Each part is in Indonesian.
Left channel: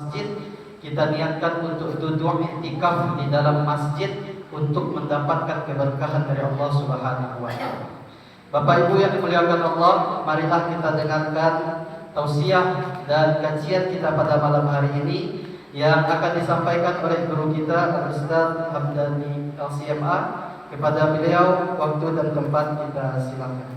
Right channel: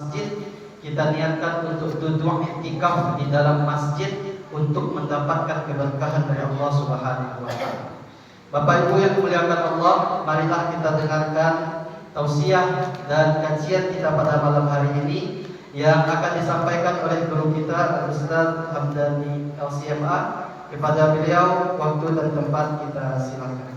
masjid, kita niatkan untuk duduk i'tikaf di dalam masjid untuk mendapatkan keberkahan dari Allah Subhanahu wa taala. Bapak Ibu yang dimuliakan Allah, marilah kita dengarkan tausiah dan kajian kita pada malam hari ini yang akan disampaikan oleh guru kita Ustaz Hamdani LCMA. Kepada beliau waktu dan tempat kita silakan.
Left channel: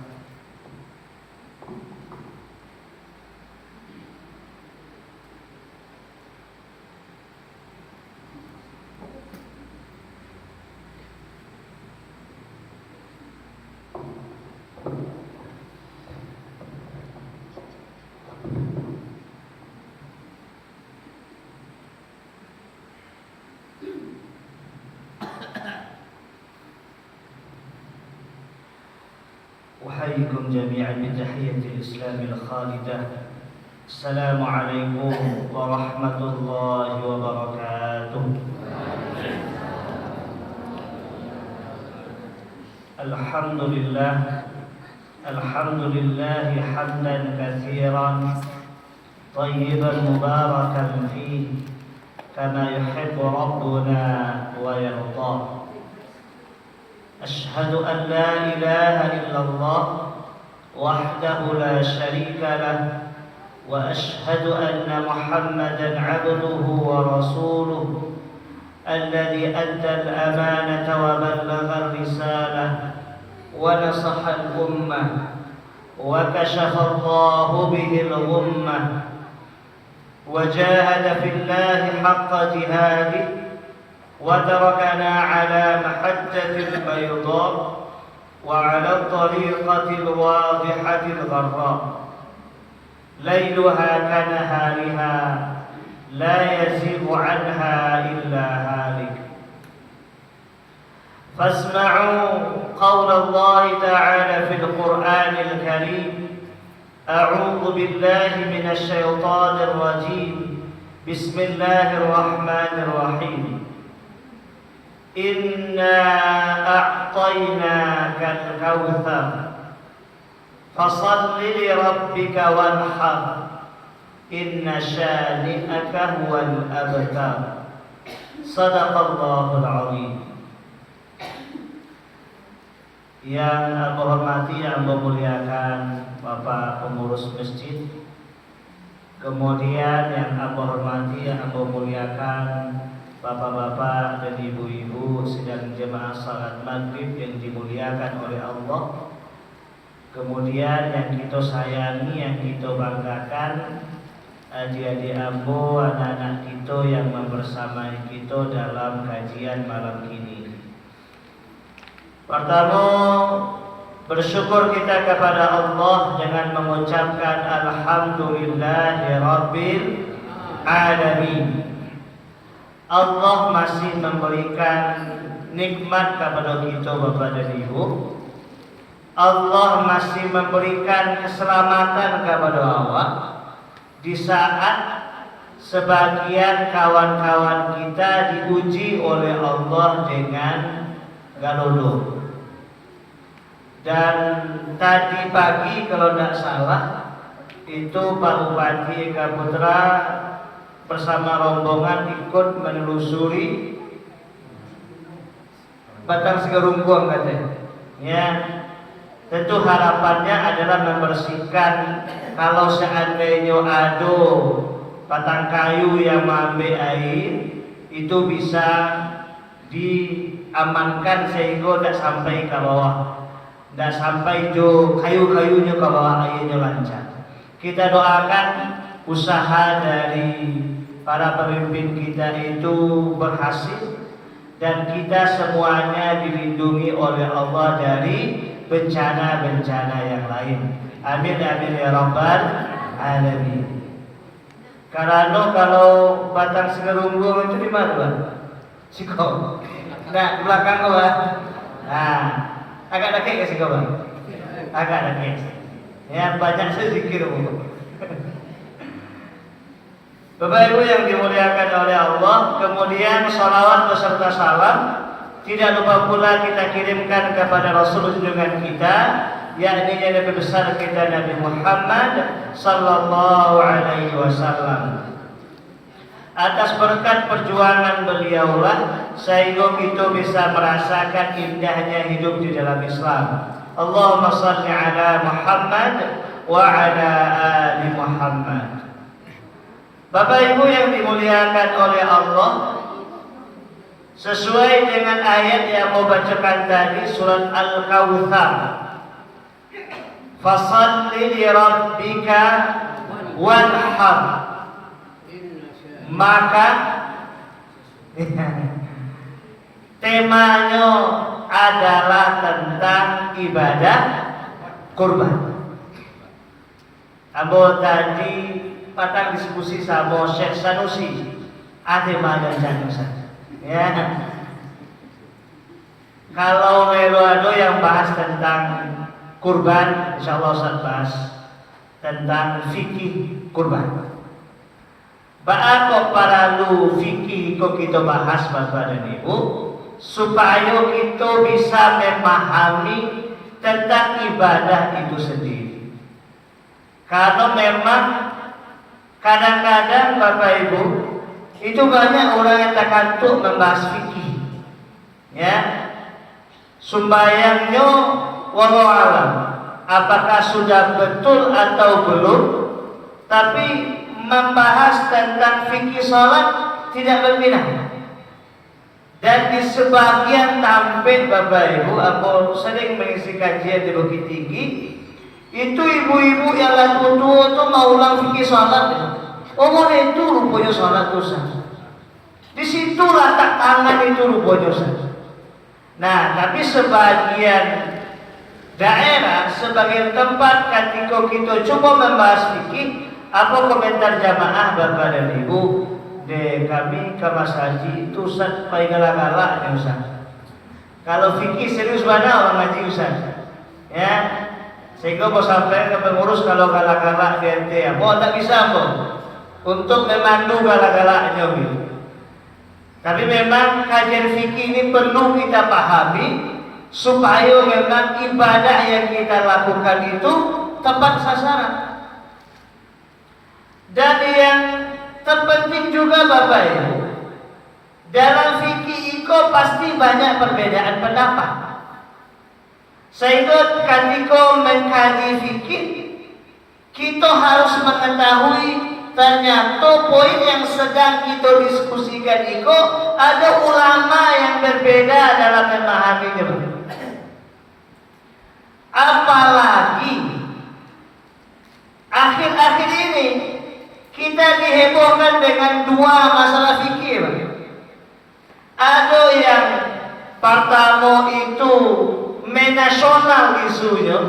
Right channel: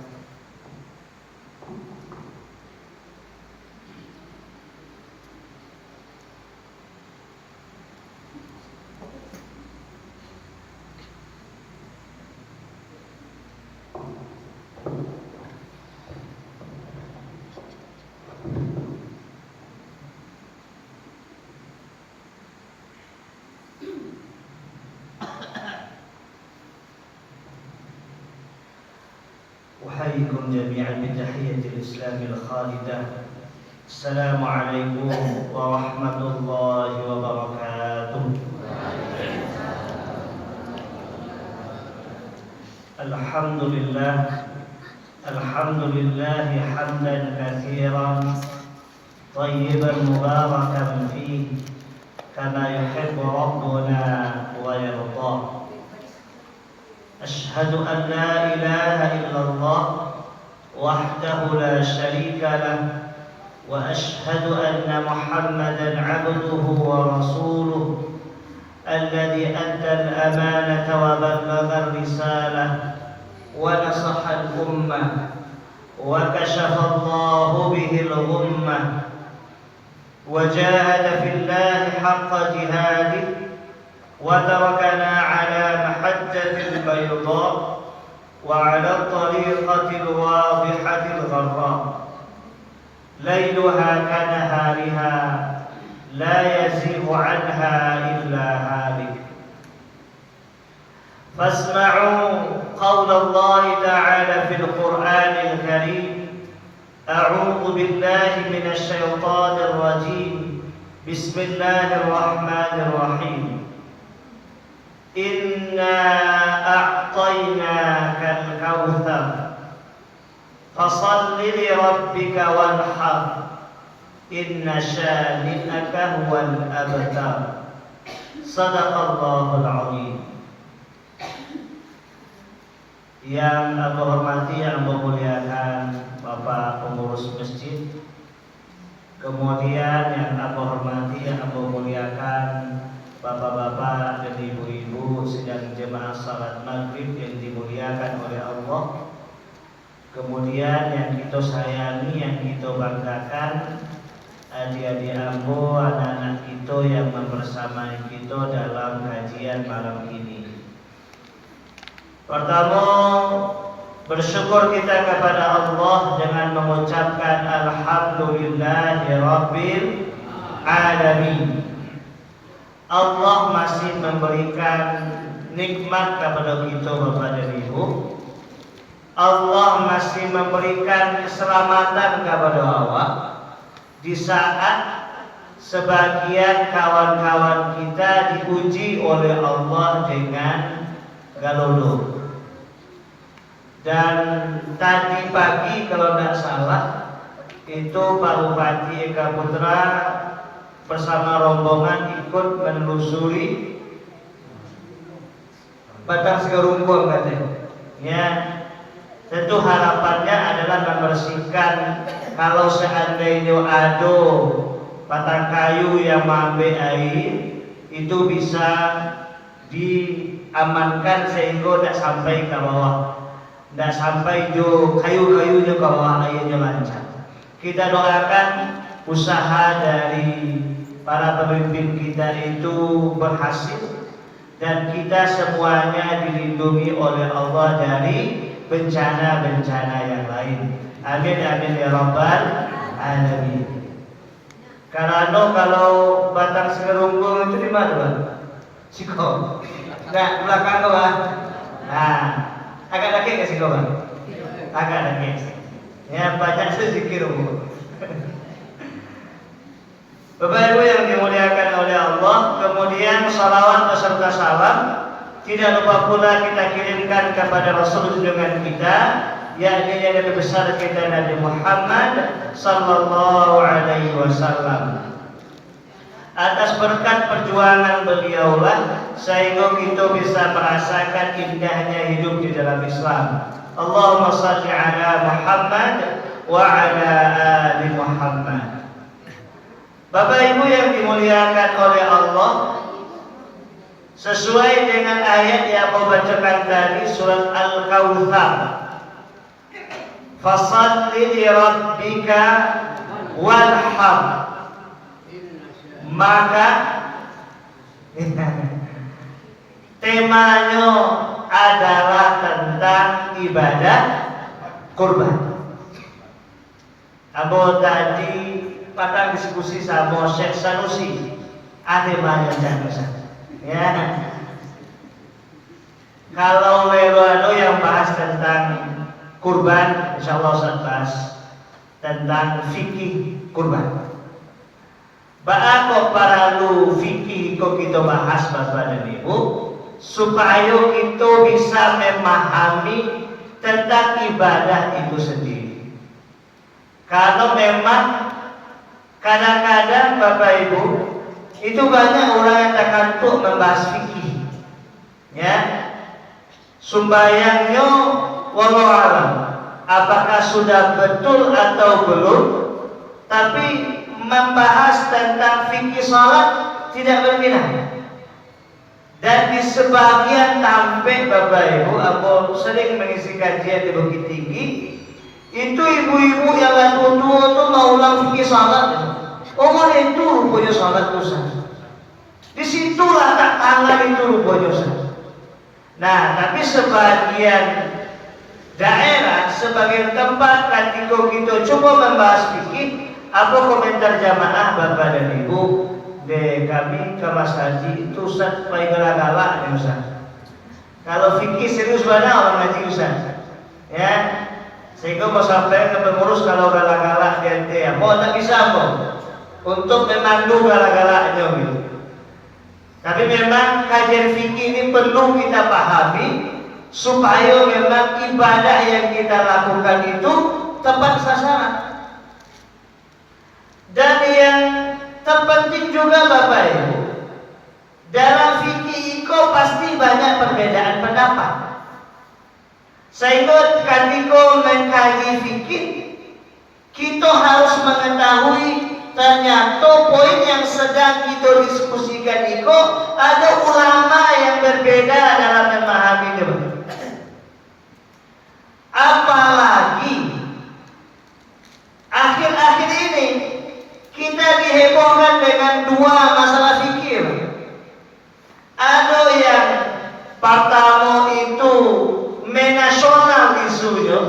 أحييكم جميعا بتحية الإسلام الخالدة. السلام عليكم ورحمة الله وبركاته. الحمد لله حمدا كثيرا طيبا مباركا فيه كما يحب ربنا ويرضى. أشهد أن لا إله إلا الله وحده لا شريك له، وأشهد أن محمدا عبده ورسوله الذي أدى الأمانة وبلغ الرسالة ونصح الأمة وكشف الله به الغمة وجاهد في الله حق جهاده وتركنا على محجة البيضاء وعلى الطريقة الواضحة الغراء ليلها كنهارها لا يزيغ عنها إلا هالك. فاسمعوا قول الله تعالى في القرآن الكريم: أعوذ بالله من الشيطان الرجيم، بسم الله الرحمن الرحيم. إنا أعطيناك الكوثر فصل لربك وانحر إن شانئك هو الأبتر. صدق الله العظيم. Yang aku hormati, yang memuliakan Bapak pengurus masjid, kemudian yang aku hormati, yang aku muliakan bapak-bapak dan ibu-ibu sedang jemaah salat maghrib yang dimuliakan oleh Allah. Kemudian yang kita sayangi, yang kita banggakan, adik-adik ambo, anak-anak kita yang membersamai kita dalam kajian malam ini. Pertama, bersyukur kita kepada Allah dengan mengucapkan Alhamdulillahirabbil alamin. Allah masih memberikan nikmat kepada kita Bapak dan Ibu. Allah masih memberikan keselamatan kepada awak di saat sebagian kawan-kawan kita diuji oleh Allah dengan galodo. Dan tadi pagi kalau tidak salah itu Pak Bupati Eka Putra bersama rombongan ikut menelusuri Batang Segerungguang katanya. Ya, tentu harapannya adalah membersihkan. Kalau seandainya ada batang kayu yang mengambil air, itu bisa diamankan sehingga tidak sampai ke bawah, tidak sampai itu kayu-kayunya ke bawah, airnya lancar. Kita doakan usaha dari para pemimpin kita itu berhasil dan kita semuanya dilindungi oleh Allah dari bencana-bencana yang lain. Amin amin ya rabbal alamin. Karena kalau Batang Segerungguang itu di mana, Bang? Siko. Nah, belakang kau, Bang. Nah, agak dake ke siko, Bang. Agak dake. Ya, banyak zikir, Bang. Bapak Ibu yang dimuliakan oleh Allah, kemudian salawat beserta salam tidak lupa pula kita kirimkan kepada Rasul junjungan kita, yakni yang lebih besar kita Nabi Muhammad sallallahu alaihi wasallam. Atas berkat perjuangan beliaulah sehingga kita bisa merasakan indahnya hidup di dalam Islam. Allahumma salli ala Muhammad wa ala ali Muhammad. Bapak Ibu yang dimuliakan oleh Allah, sesuai dengan ayat yang mau bacakan tadi, surat Al-Kautsar, fasalli li rabbika wanhar, maka temanya adalah tentang ibadah kurban. Abo tadi patang diskusi sama Syekh Sanusi, ada banyak jangan. Ya, kalau ada yang bahas tentang kurban, insya Allah saya bahas tentang fikih kurban. Bapak para lu fikih kok kita bahas Bapak dan Ibu, supaya kita bisa memahami tentang ibadah itu sendiri. Kalau memang kadang-kadang Bapak Ibu itu banyak orang yang terkantuk membahas fikih, ya, sembahyangnya wallahu alam apakah sudah betul atau belum, tapi membahas tentang fikih sholat tidak berbeda. Dan di sebagian tampil Bapak Ibu, aku sering mengisi kajian di Bukit Tinggi, itu ibu-ibu yang laku tua itu mau ulang fikih sholat. Umur itu rupanya sholat dosa. Disitulah tak tangan itu rupanya dosa. Nah, tapi sebagian daerah, sebagian tempat ketika kita coba membahas fikih, apa komentar jamaah Bapak dan Ibu? De kami ke Mas Haji itu Ustaz paling galak-galak ya Ustaz. Kalau fikih serius mana orang ngaji Ustaz, ya. Sehingga mau sampai ke pengurus kalau galak-galak di ente ya, mau tak bisa mau untuk memandu galak-galaknya gitu. Tapi memang kajian fikih ini perlu kita pahami supaya memang ibadah yang kita lakukan itu tepat sasaran. Dan yang terpenting juga Bapak Ibu, dalam fikih itu pasti banyak perbedaan pendapat. Sehingga ketika mengkaji fikih, kita harus mengetahui ternyata poin yang sedang kita diskusikan itu ada ulama yang berbeda dalam memahaminya. Apalagi akhir-akhir ini kita dihebohkan dengan dua masalah fikih. Ada yang pertama itu menasional isunya,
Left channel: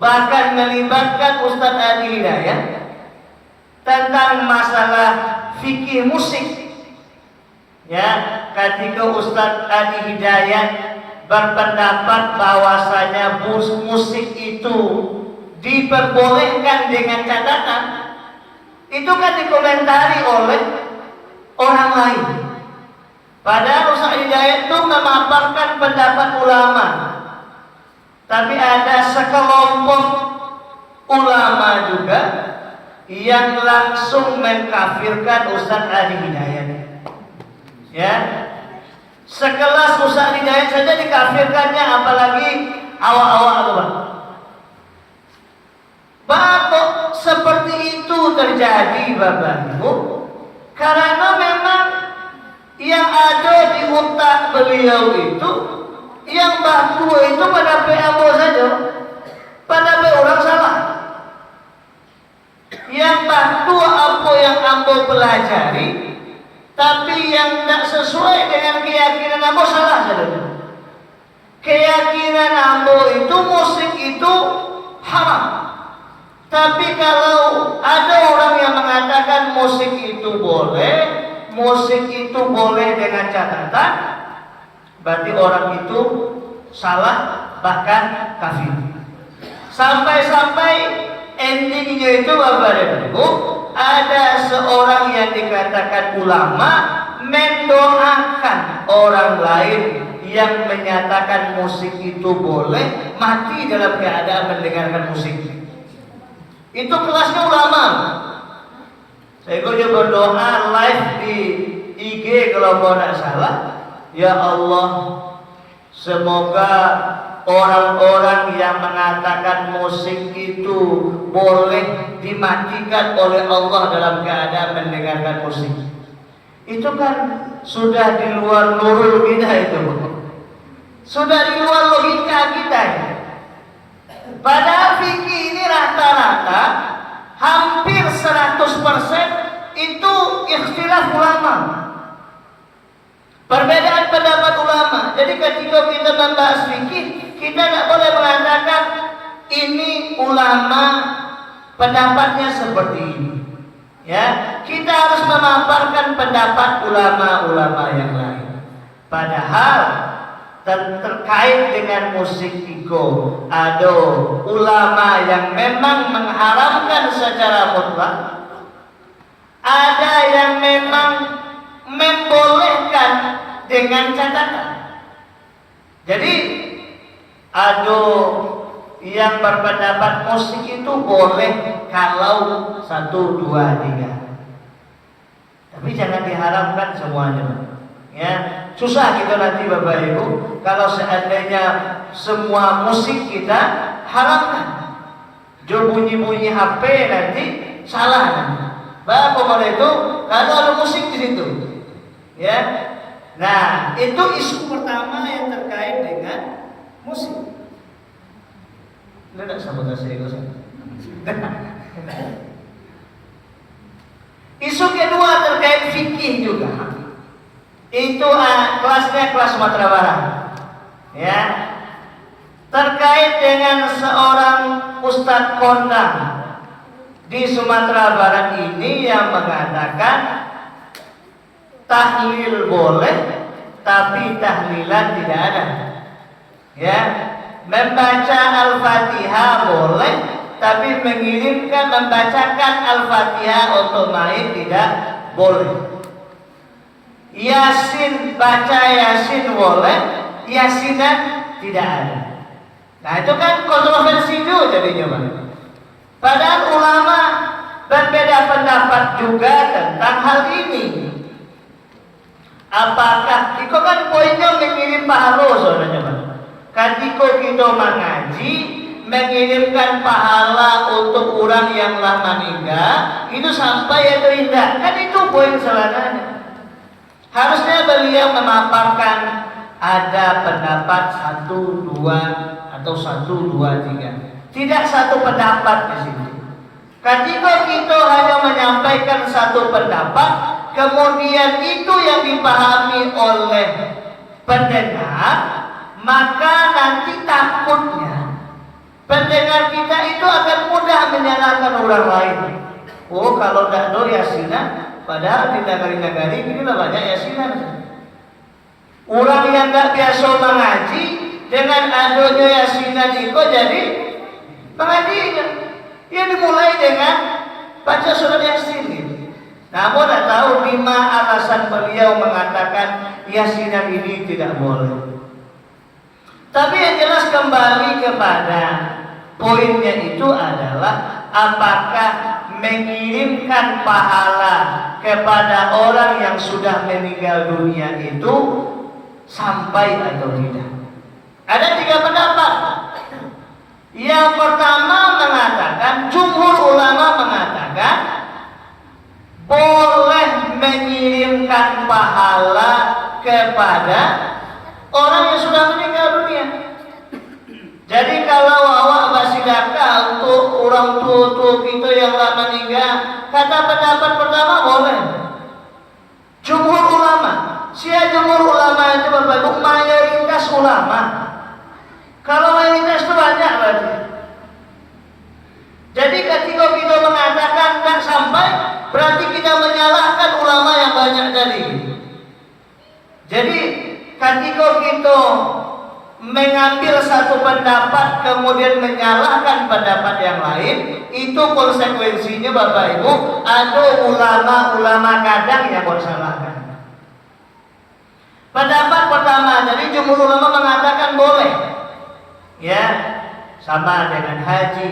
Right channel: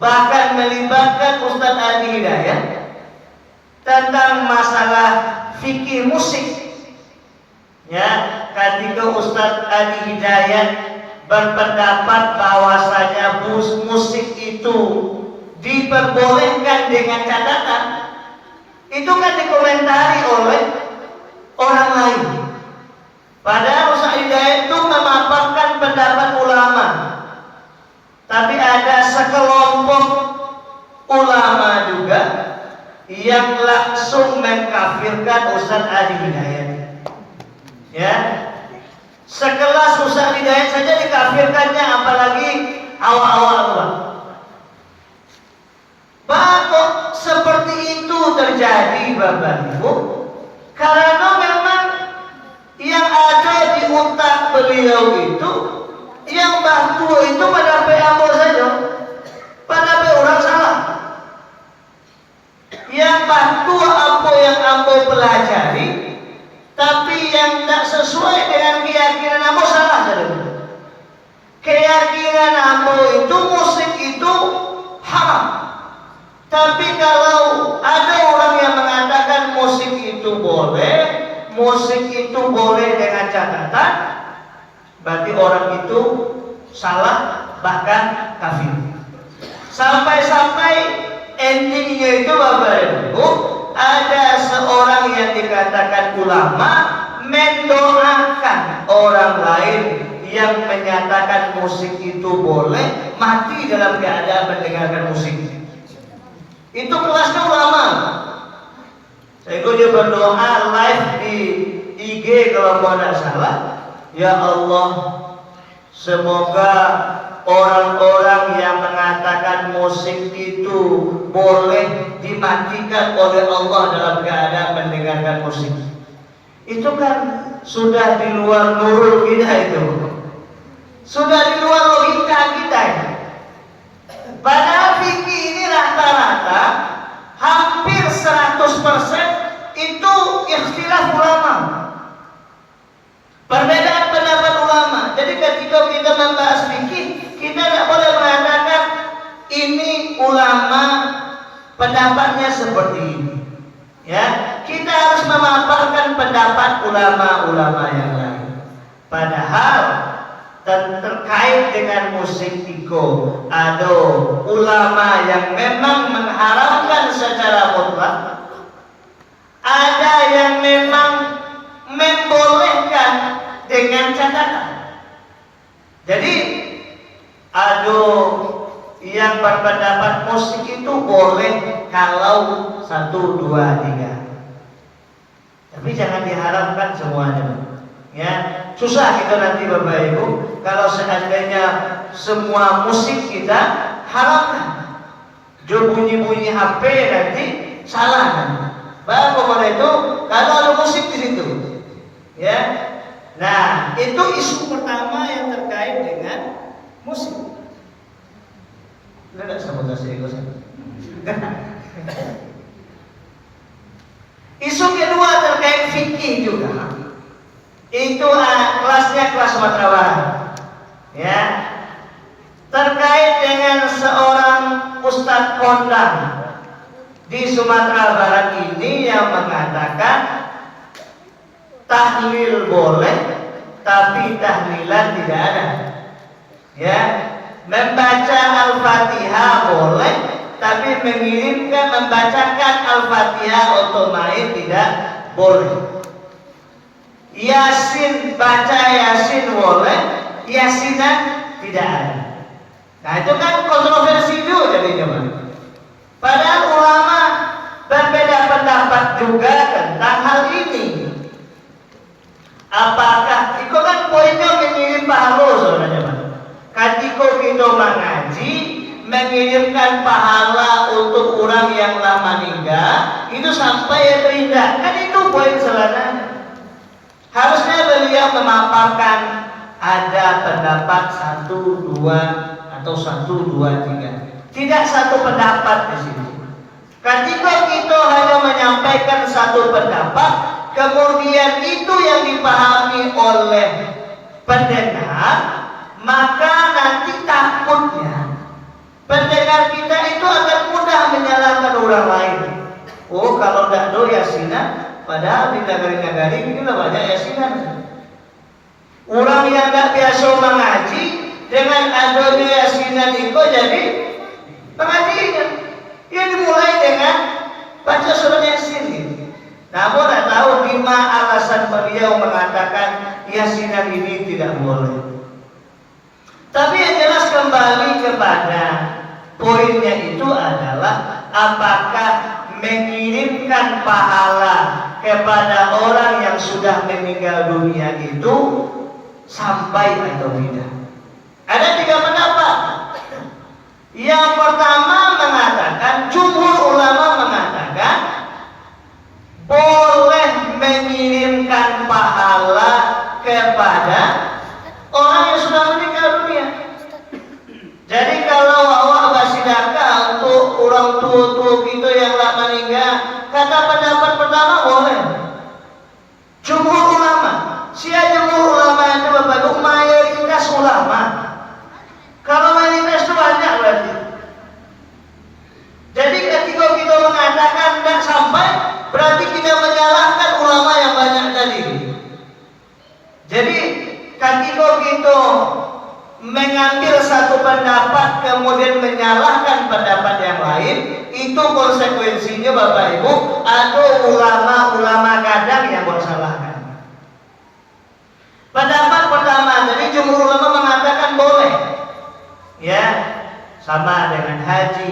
bahkan melibatkan Ustaz Adi Hidayat tentang masalah fikih musik. Ya, ketika Ustaz Adi Hidayat berpendapat bahwasanya musik itu diperbolehkan dengan catatan, itu kan dikomentari oleh orang lain. Padahal Ustaz Hidayat itu memaparkan pendapat ulama, tapi ada sekelompok ulama juga yang langsung mengkafirkan Ustaz Adi Hidayat. Ya, sekelas Ustaz Hidayat saja dikafirkannya, apalagi awal-awal. Bahkan seperti itu terjadi Bapak Ibu, karena memang yang ada di otak beliau itu, yang batu itu pada PAO saja, pada orang salah. Yang batu apa yang ambo pelajari, tapi yang tidak sesuai dengan keyakinan ambo salah saja. Keyakinan ambo itu musik itu haram. Tapi kalau ada orang yang mengatakan musik itu boleh dengan catatan, berarti orang itu salah, bahkan kafir. Sampai-sampai endingnya itu Bapak dan Ibu, ada seorang yang dikatakan ulama mendoakan orang lain yang menyatakan musik itu boleh mati dalam keadaan mendengarkan musik. Itu kelasnya ulama. Saya dia berdoa live di IG kalau tidak salah. Ya Allah, semoga orang-orang yang mengatakan musik itu boleh dimatikan oleh Allah dalam keadaan mendengarkan musik, itu kan sudah di luar nurul kita, itu sudah di luar logika kita. Padahal fikih ini rata-rata hampir 100% itu ikhtilaf ulama, perbedaan pendapat ulama. Jadi ketika kita membahas fikih, kita tidak boleh mengatakan ini ulama pendapatnya seperti ini. Ya, kita harus memaparkan pendapat ulama-ulama yang lain. Padahal terkait dengan musik itu ada ulama yang memang mengharamkan secara mutlak, ada yang memang membolehkan dengan catatan. Jadi ada yang berpendapat musik itu boleh kalau 1, 2, 3, tapi jangan diharamkan semuanya. Ya, susah kita nanti Bapak Ibu kalau seandainya semua musik kita haramkan. Jo bunyi-bunyi HP nanti salah. Bahwa pokoknya itu kalau ada musik di situ, ya. Nah, itu isu pertama yang terkait dengan musik. Tidak sama saya. Isu kedua terkait fikih juga. Itu kelasnya kelas Sumatera Barat. Ya. Terkait dengan seorang Ustadz kondang di Sumatera Barat ini yang mengatakan tahlil boleh tapi tahlilan tidak ada. Ya, membaca Al-Fatihah boleh tapi mengirimkan membacakan Al-Fatihah otomatis tidak boleh. Yasin, baca Yasin boleh, Yasinan tidak ada. Nah, itu kan kontroversi juga jadinya. Padahal ulama berbeda pendapat juga tentang hal ini. Apakah itu kan poinnya mengirim pahala saudara. Ketika kita mengaji mengirimkan pahala untuk orang yang telah meninggal itu sampai atau tidak, kan itu poin sebenarnya. Harusnya beliau memaparkan ada pendapat 1, 2 atau 1, 2, 3. Tidak satu pendapat di sini. Ketika kita hanya menyampaikan satu pendapat, kemudian itu yang dipahami oleh pendengar, maka nanti takutnya pendengar kita itu akan mudah menyalahkan orang lain. Oh, kalau tidak do Yasinan, padahal di negara-negara ini banyak Yasinan. Orang yang tidak biasa mengaji dengan adanya Yasinan itu jadi pengajian. Ia dimulai dengan baca surat Yasin. Namun tidak tahu 5 alasan beliau mengatakan Yasinan ini tidak boleh. Tapi yang jelas kembali kepada poinnya itu adalah apakah mengirimkan pahala kepada orang yang sudah meninggal dunia itu sampai atau tidak. Ada 3 pendapat. Yang pertama mengatakan, jumhur ulama mengatakan boleh mengirimkan pahala kepada orang yang sudah meninggal dunia. Jadi kalau awak basidaka untuk orang tua kita yang telah meninggal, kata pendapat pertama boleh. Jumhur ulama, siapa jumhur ulama itu berbentuk mayoritas ulama. Kalau mayoritas itu banyak berarti. Jadi ketika kita mengatakan tidak sampai, berarti kita menyalahkan ulama yang banyak tadi. Jadi ketika kita mengambil satu pendapat kemudian menyalahkan pendapat yang lain, itu konsekuensinya Bapak Ibu ada ulama-ulama kadang yang bersalahkan. Pendapat pertama tadi jumhur ulama mengatakan boleh, ya, sama dengan haji,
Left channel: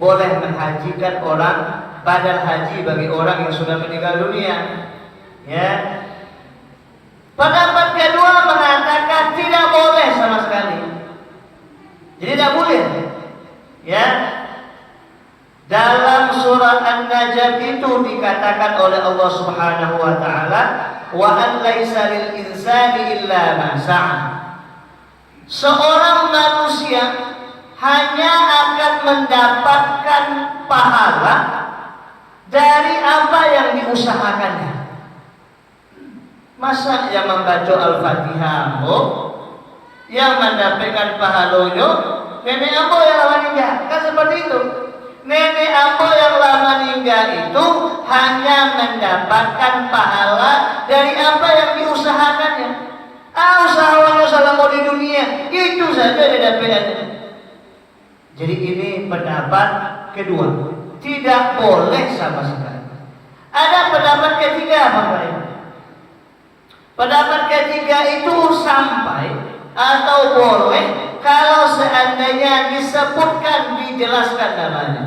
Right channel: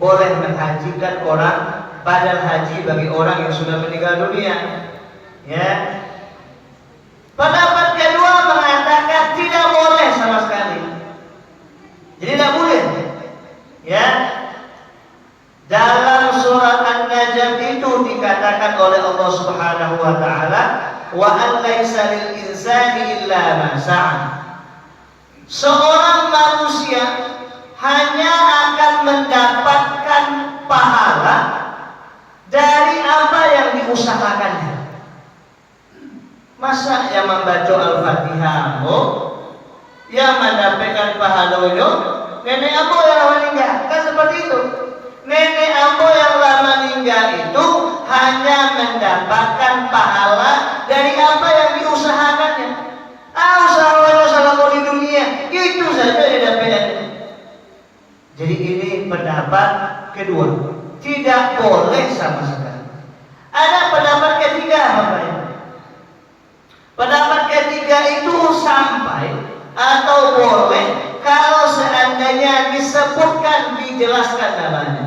boleh menghajikan orang badan haji bagi orang yang sudah meninggal dunia. Ya. Pendapat kedua mengatakan tidak boleh sama sekali. Jadi tidak boleh. Ya. Dalam surat An-Najm itu dikatakan oleh Allah Subhanahu wa taala, "Wa an laisa lil insani illa ma sa'a." Seorang manusia hanya akan mendapatkan pahala dari apa yang diusahakannya. Masa yang membaca Al-Fatihah yang mendapatkan pahalanya nenek apa yang lama meninggal? Kan seperti itu. Nenek apa yang lama meninggal itu hanya mendapatkan pahala dari apa yang diusahakannya. Usahanya selama di dunia itu saja dia dapatkan. Jadi ini pendapat kedua, tidak boleh sama sekali. Ada pendapat ketiga, Bapak Ibu. Pendapat ketiga itu sampai atau boleh kalau seandainya disebutkan, dijelaskan namanya.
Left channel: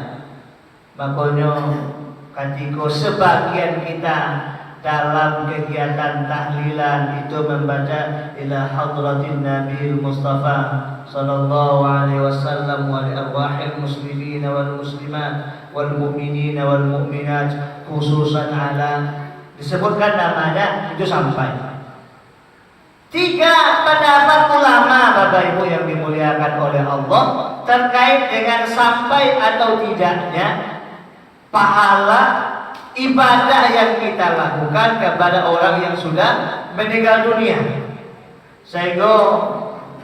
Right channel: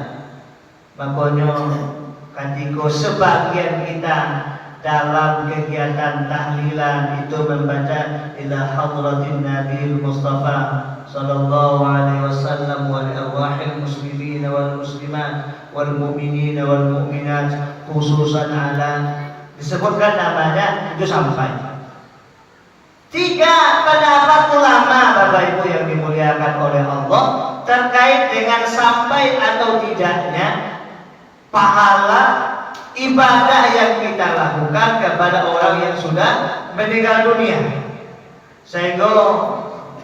Makanya ketika sebagian kita dalam kegiatan tahlilan itu membaca ila hadratin Nabi Mustafa sallallahu alaihi wasallam wa li arwahil muslimin wal muslimat wal mu'minin wal mu'minat khususan ala, disebutkan namanya itu sampai. Tiga pendapat ulama Bapak Ibu yang dimuliakan oleh Allah terkait dengan sampai atau tidaknya pahala ibadah yang kita lakukan kepada orang yang sudah meninggal dunia. Sehingga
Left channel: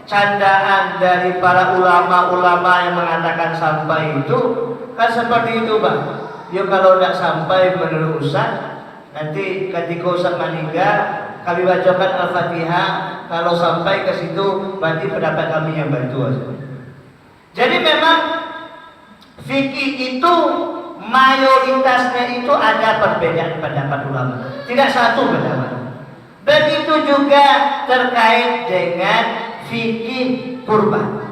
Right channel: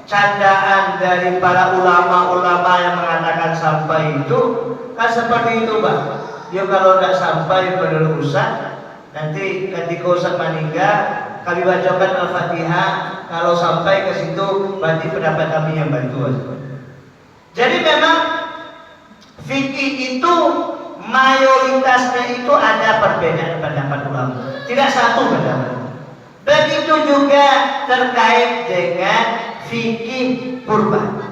candaan dari para ulama-ulama yang mengatakan sampai itu kan seperti itu, Pak. Ya kalau tidak sampai menurut Ustaz, nanti ketika Ustaz meninggal kami bacakan Al-Fatihah, kalau sampai ke situ berarti pendapat kami yang bantu. Jadi memang fikih itu mayoritasnya itu ada perbedaan pendapat ulama, tidak satu pendapat. Begitu juga terkait dengan fikih kurban.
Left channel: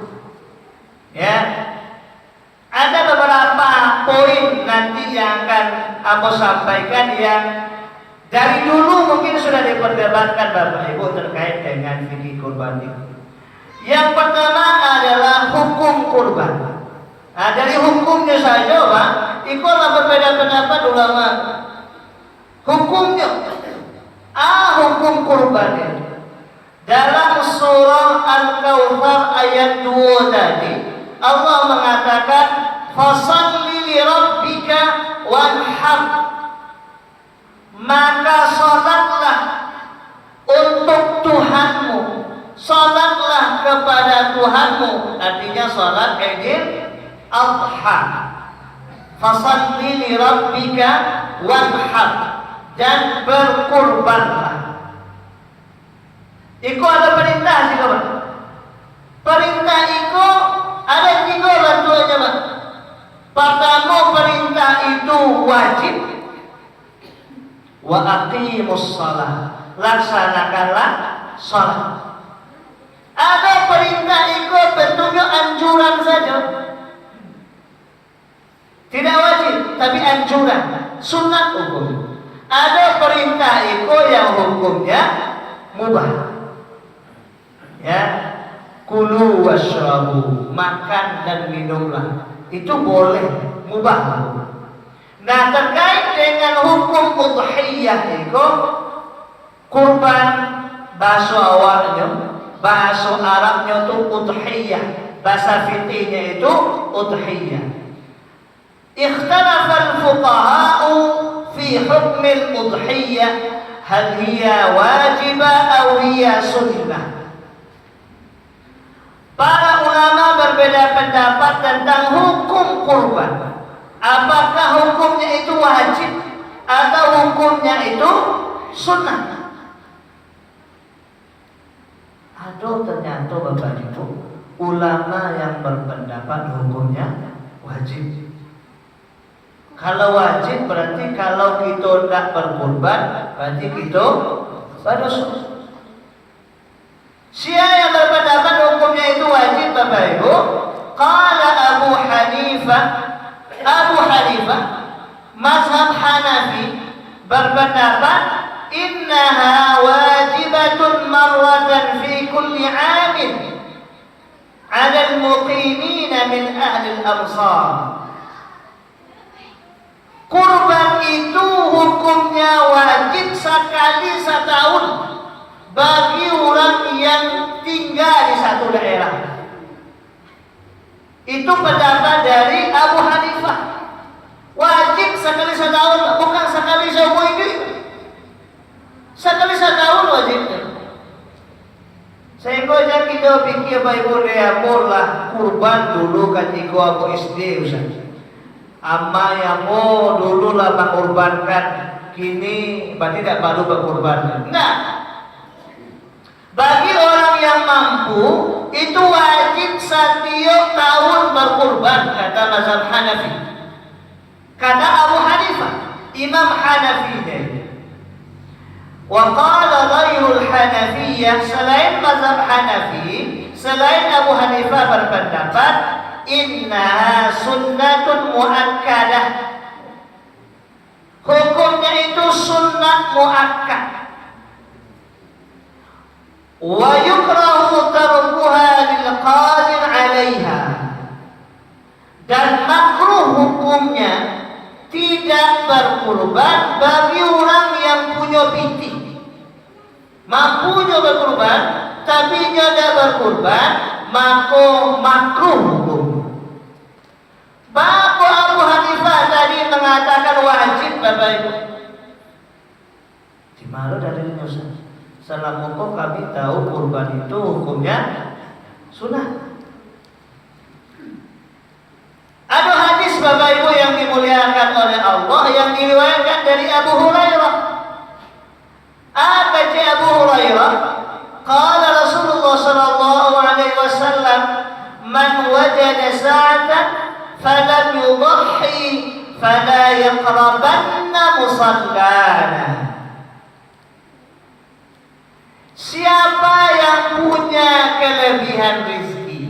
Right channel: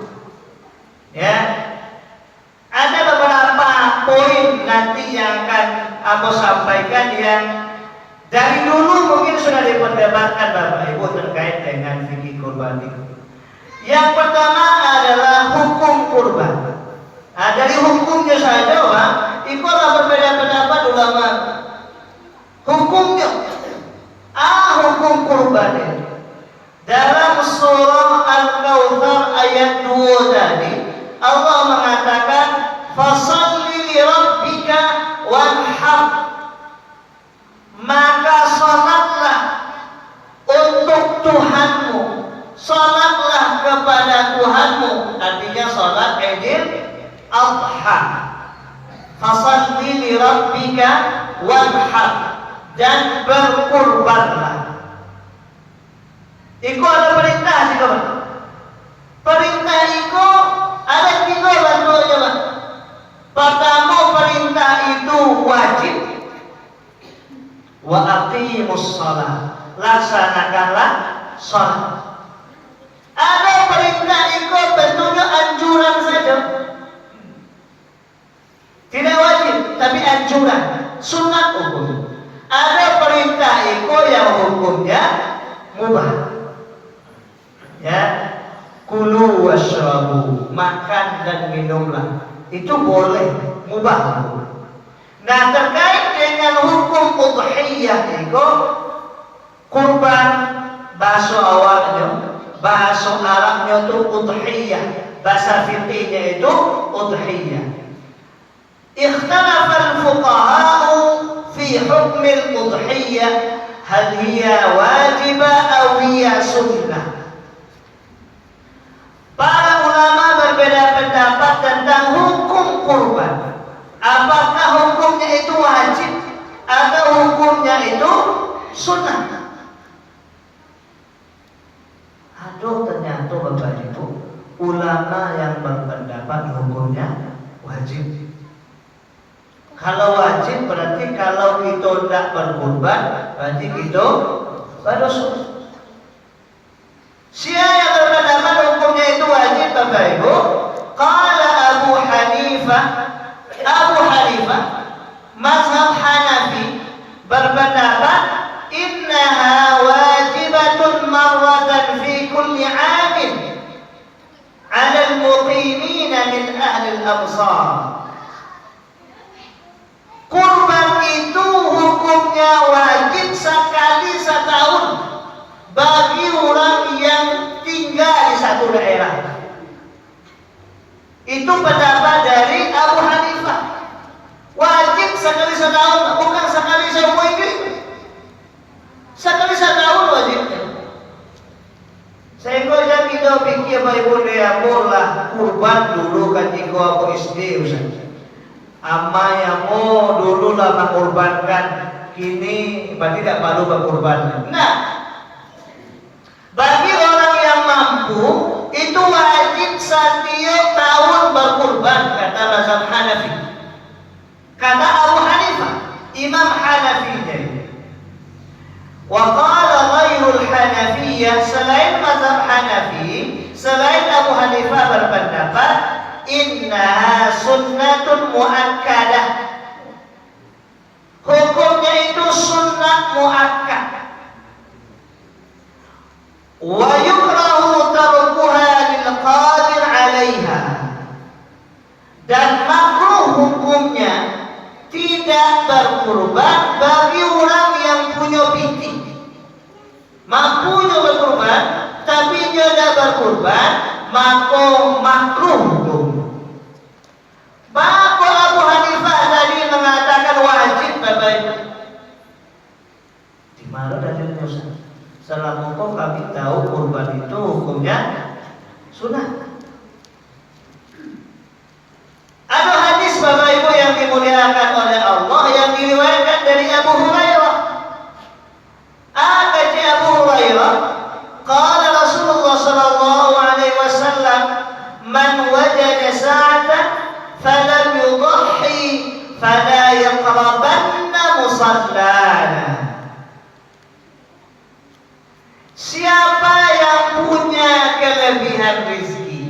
Ya, ada beberapa poin nanti yang akan aku sampaikan yang dari dulu mungkin sudah diperdebatkan Bapak Ibu terkait dengan fikih kurban itu. Yang pertama adalah hukum kurban. Nah, dari hukumnya saja, Pak, itu berbeda pendapat ulama. Hukumnya, hukum kurban itu. Dalam surah Al-Kautsar ayat 2 tadi, Allah mengatakan, "Fasholli li rabbika wanhar." Maka sholatlah untuk Tuhanmu, sholatlah kepada Tuhanmu. Artinya sholat Idul Adha. Fasholli li rabbika wanhar, dan berkurbanlah. Itu ada perintah sih, kawan. Perintah itu ada 3 aja, Pak. Pertama, perintah itu wajib. Wa aqimus shalah, laksanakanlah shalat. Ada perintah itu bentuknya anjuran saja, tidak wajib tapi anjuran, sunat hukum. Ada perintah itu yang hukumnya mubah. Ya, kulu washrabu, makan dan minumlah, itu boleh, mubah. Nah, terkait dengan hukum udhiyah itu, kurban bahasa awalnya, bahasa Arabnya itu udhiyah, bahasa fikihnya itu udhiyah. Ikhtalafa al-fuqaha'u fi hukm al-udhiyah, hal hiya wajibah aw hiya sunnah. Para ulama berbeda pendapat tentang hukum kurban. Apakah hukumnya itu wajib atau hukumnya itu sunnah? Ada ternyata Bapak Ibu ulama yang berpendapat hukumnya wajib. Kalau wajib berarti kalau kita tidak berkurban berarti kita berdosa. Siapa yang berpendapat hukumnya itu wajib, Bapak Ibu? Qala Abu Hanifah, semua ini sekali setahun wajibnya. Saya ngajak kita pikir Bible reamur lah kurban dulu ketika aku SD Ustaz. Amma yang dulu lah mengurbankan, kini berarti tidak perlu berkurban. Nah, bagi orang yang mampu itu wajib setiap tahun berkurban kata mazhab Hanafi. Kata Abu Hanifah, Imam Hanafi ini. Wa qala ghairul Hanafiyah, selain mazhab Hanafi, selain Abu Hanifah berpendapat innaha sunnatun muakkadah. Hukumnya itu sunnah muakkad. Wa yukrahu tarkuha lil qadir 'alaiha. Dan makruh hukumnya tidak berkurban bagi orang yang punya piti. Mampunya berkurban tapi dia tidak berkurban, maka makruh hukumnya. Maka Abu Hanifah tadi mengatakan wajib Bapak Ibu. Di mana dari Ustaz? Selama kami tahu kurban itu hukumnya sunnah. Ada hadis Bapak Ibu yang dimuliakan oleh Allah yang diriwayatkan dari Abu Hurairah. Kata Abu Hurairah, qala Rasulullah sallallahu alaihi wasallam, man wajada sa'atan falam yudhi fala yaqrabanna musallana. Siapa yang punya kelebihan rezeki,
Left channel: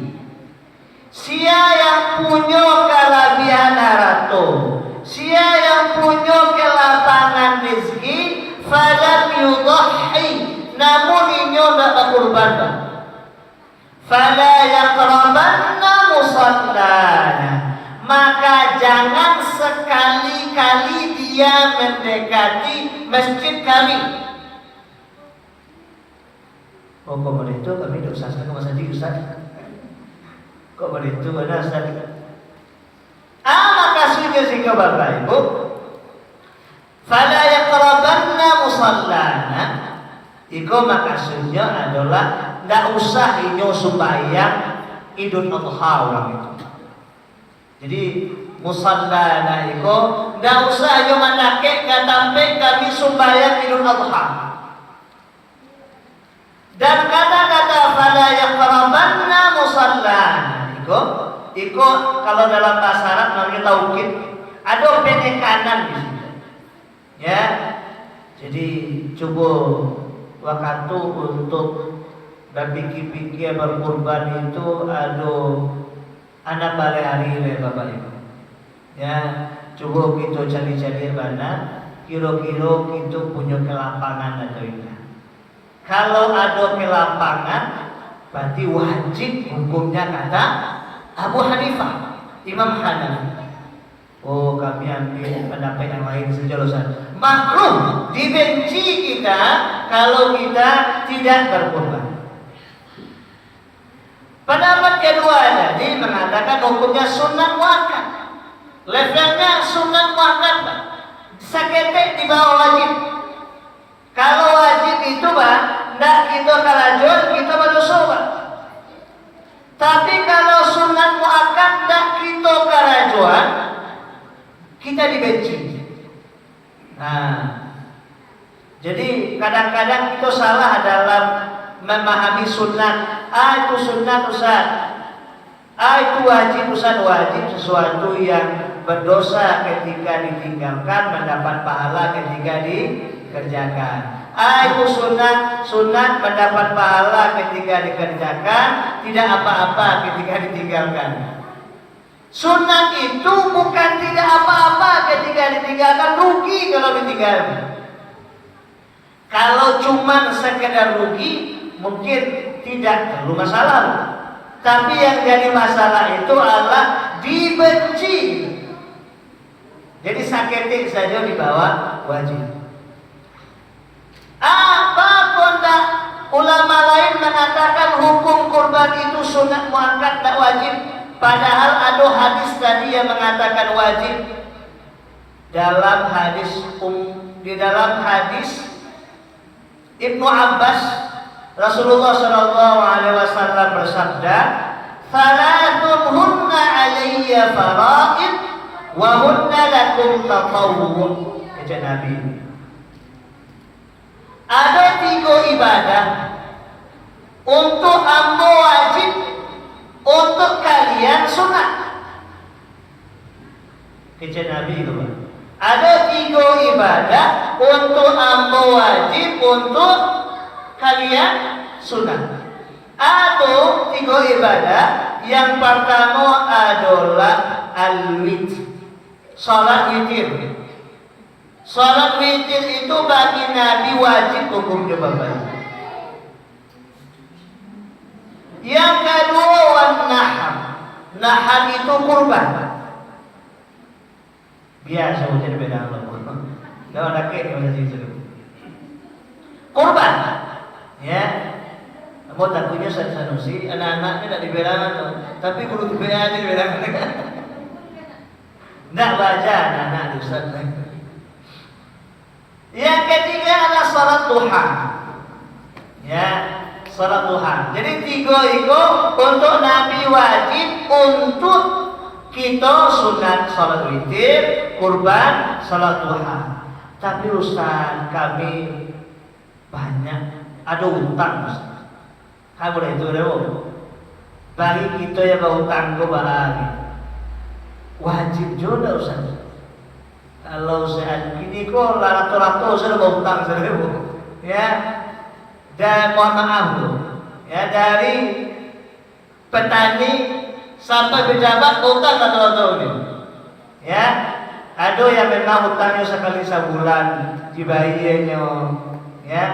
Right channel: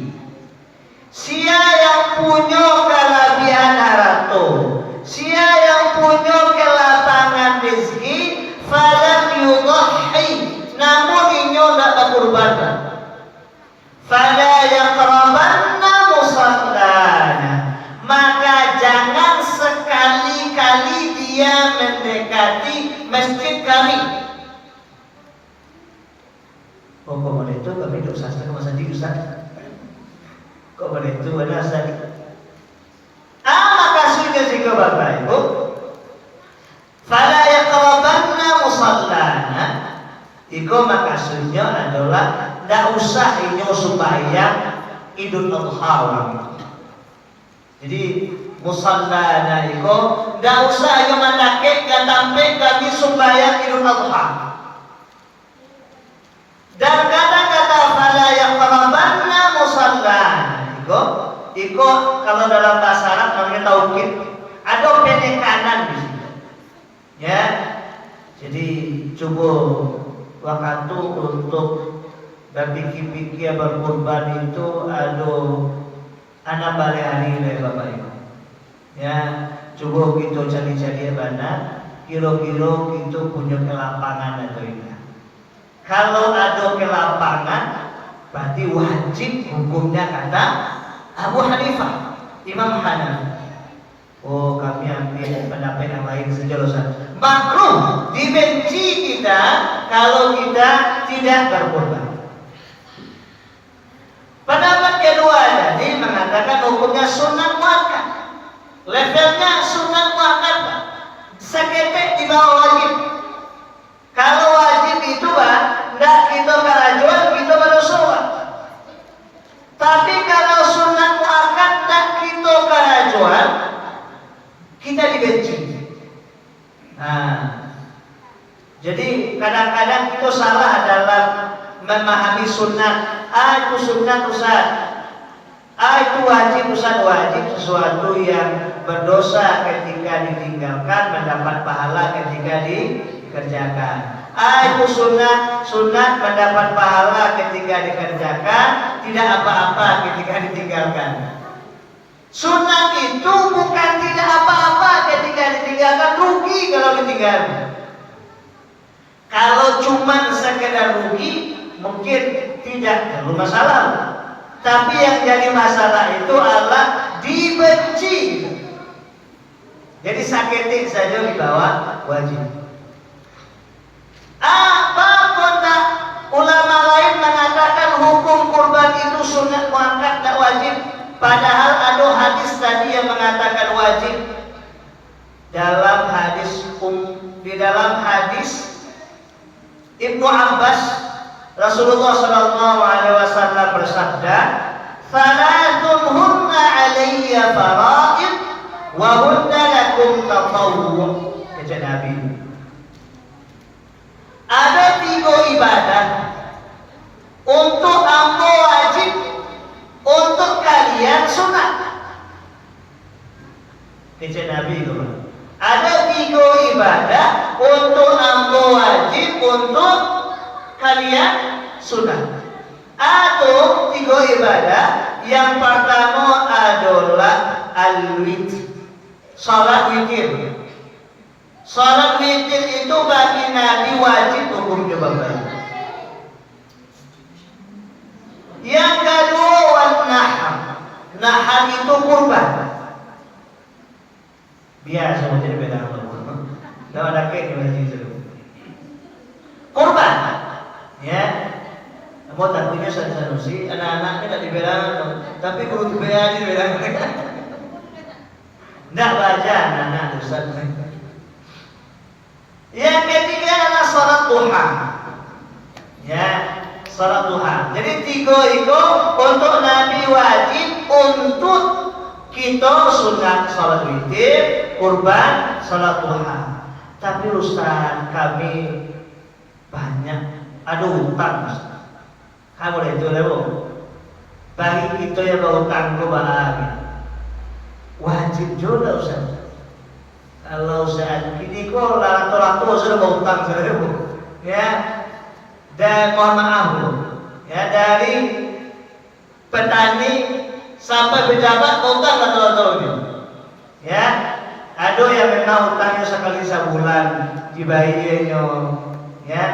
siapa yang punya kelebihan harta, siapa yang punya kelapangan rezeki, falam yudhi, namun inyo tidak berkurban, fala yaqrabanna musallana, maka jangan sekali-kali dia mendekati masjid kami. Oh, kok boleh itu kami tidak usah sama sendiri Ustaz. Kok boleh itu ada Ustaz. Maka sudah sehingga Bapak Ibu, fala yaqrabanna musallana, itu maksudnya adalah tidak usah inyo supaya Idul Adha orang itu. Jadi musallana itu tidak usah inyo mandake sampai kami supaya Idul Adha. Dan kata-kata fala yaqrabanna musallana itu kalau dalam bahasa Arab namanya taukid, ada penekanan di situ. Ya. Jadi coba waktu untuk berpikir-pikir berkorban itu ada anak balik hari Bapak Ibu. Ya, coba kita cari-cari mana kira-kira kita punya kelapangan atau tidak. Kalau ada kelapangan, berarti wajib hukumnya kata Abu Hanifah, Imam Hanafi. Oh, kami ambil pendapat yang lain saja Ustaz. Makruh, dibenci kita kalau kita tidak berkorban. Pendapat kedua tadi mengatakan hukumnya sunnah muakkad. Levelnya sunnah muakkad, seketek di bawah wajib. Kalau wajib itu tidak kita karajuan, kita berdosa. Tapi kalau sunat muakkad tidak kita karajuan, kita dibenci. Nah, jadi kadang-kadang kita salah dalam memahami sunnah. Itu sunnah Ustaz. Itu wajib Ustaz, wajib sesuatu yang berdosa ketika ditinggalkan, mendapat pahala ketika dikerjakan. Itu sunat mendapat pahala ketika dikerjakan, tidak apa-apa ketika ditinggalkan. Sunat itu bukan tidak apa-apa ketika ditinggalkan, rugi kalau ditinggalkan. Kalau cuma sekedar rugi, mungkin tidak terlalu masalah. Tapi yang jadi masalah itu adalah dibenci. Jadi saketik saja di bawah wajib. Apapun tak, ulama lain mengatakan hukum kurban itu sunat muakkad tak wajib. Padahal ada hadis tadi yang mengatakan wajib. Dalam hadis di dalam hadis Ibnu Abbas, Rasulullah Shallallahu Alaihi Wasallam bersabda, "Salatun hunna alayya faraid, wa hunna lakum tatawwu." Kata Nabi, ada 3 ibadah untuk ambo wajib, untuk kalian sunat. Kata Nabi itu, ada 3 ibadah untuk ambo wajib, untuk kalian sunat. Atau 3 ibadah. Yang pertama adalah al-witr, salat witir. Salat witir itu bagi Nabi wajib hukumnya Bapak. Yang kedua wan-nahar. Nahar itu kurban. Biasa jadi beda kurban. Tidak ada kek di situ. Kurban. Ya. Mau takutnya Sanusi, anak-anaknya tidak dibedakan, tapi guru dibedakan dibedakan. Tidak baca anak-anak Ustaz. Yang ketiga adalah salat duha. Ya, salat duha. Jadi 3 itu untuk Nabi wajib, untuk kita sunat salat witir, kurban, salat duha. Tapi Ustaz, kami banyak ada utang Ustaz. Kamu itu dulu. Bagi kita yang berhutang kepada lagi, wajib juga Ustaz. Kalau saat ini kok lato-lato sudah berhutang seribu, ya. Dan mohon maaf loh, ya, dari petani sampai pejabat utang lato-lato gitu. Ya, ada yang memang hutangnya sekali sebulan dibayarnya, ya.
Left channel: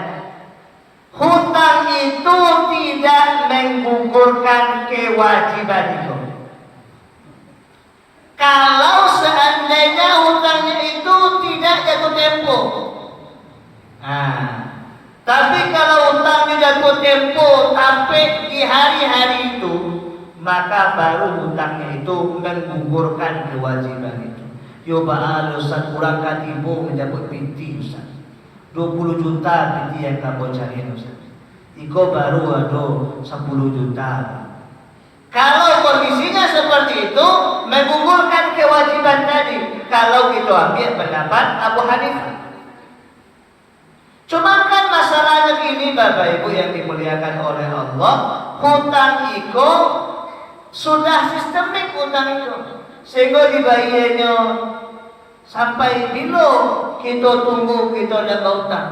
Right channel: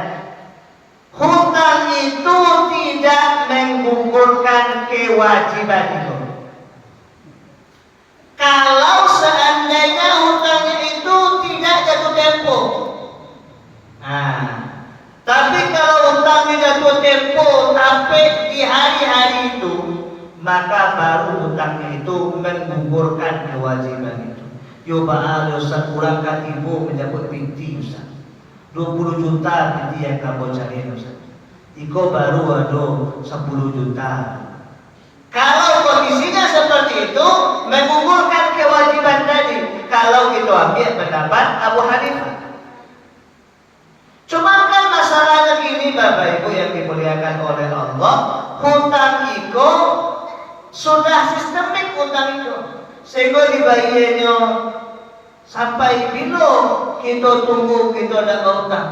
Hutang itu tidak menggugurkan kewajiban itu. Kalau seandainya hutangnya itu tidak jatuh tempo. Nah, tapi kalau hutangnya jatuh tempo sampai di hari-hari itu, maka baru hutangnya itu menggugurkan kewajiban itu. Yo ba'al Ustaz kurang katibu menjemput binti Ustaz. 20 juta binti yang kamu cari Ustaz. Iko baru ada 10 juta. Kalau kondisinya seperti itu, menggugurkan kewajiban tadi. Kalau kita ambil pendapat Abu Hanifah. Cuma kan masalahnya gini Bapak Ibu yang dimuliakan oleh Allah, hutang iko sudah sistemik hutang itu, sehingga dibayarnya sampai bilo kita tunggu kita dapat hutang.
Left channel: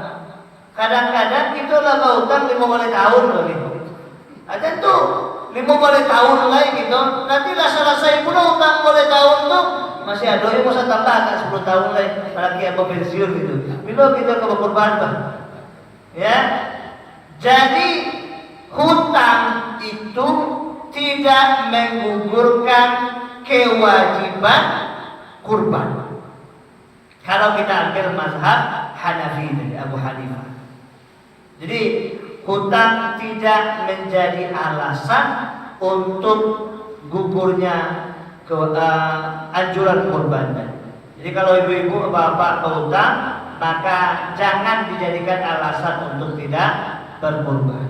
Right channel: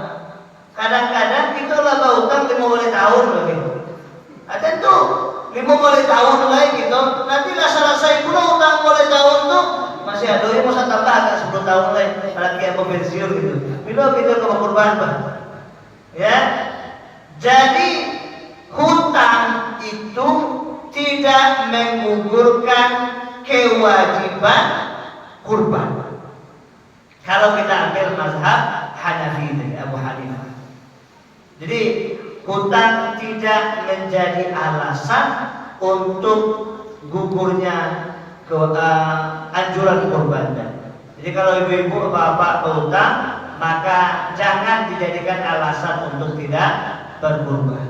Kadang-kadang kita dapat hutang 50 tahun begitu. Ada tuh 50 tahun lagi gitu. Nanti lah selesai pula hutang 50 tahun tuh masih ada yang mau tambah agak 10 tahun lagi. Lagi apa pensiun gitu. Bilo kita ke kurban Pak. Ya. Jadi hutang itu tidak menggugurkan kewajiban kurban. Kalau kita ambil mazhab Hanafi dari Abu Hanifah. Jadi hutang tidak menjadi alasan untuk gugurnya anjuran kurban. Jadi kalau ibu-ibu bapak berhutang, maka jangan dijadikan alasan untuk tidak berkurban.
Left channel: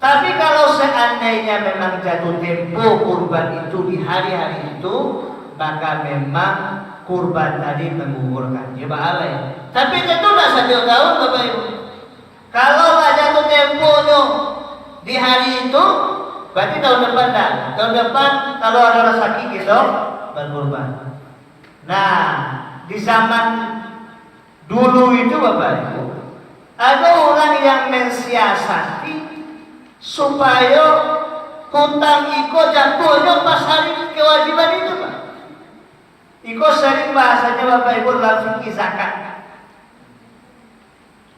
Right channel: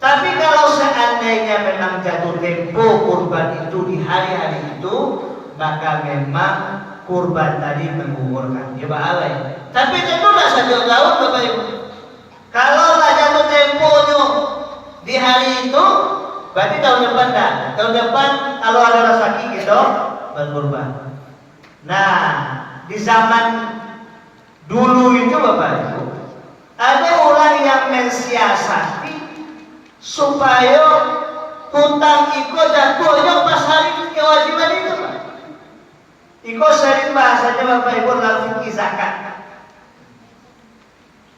Tapi kalau seandainya memang jatuh tempo kurban itu di hari-hari itu, maka memang kurban tadi menggugurkan. Ya bahala ya. Tapi tentulah 1 tahun Bapak Ibu. Kalau jatuh temponya di hari itu, berarti tahun depan dah. Tahun depan kalau ada rezeki gitu berkurban. Nah, di zaman dulu itu Bapak Ibu, ada orang yang mensiasati supaya hutang iko jatuhnya pas hari kewajiban itu Pak. Iko sering bahasanya Bapak Ibu dalam fikih zakat.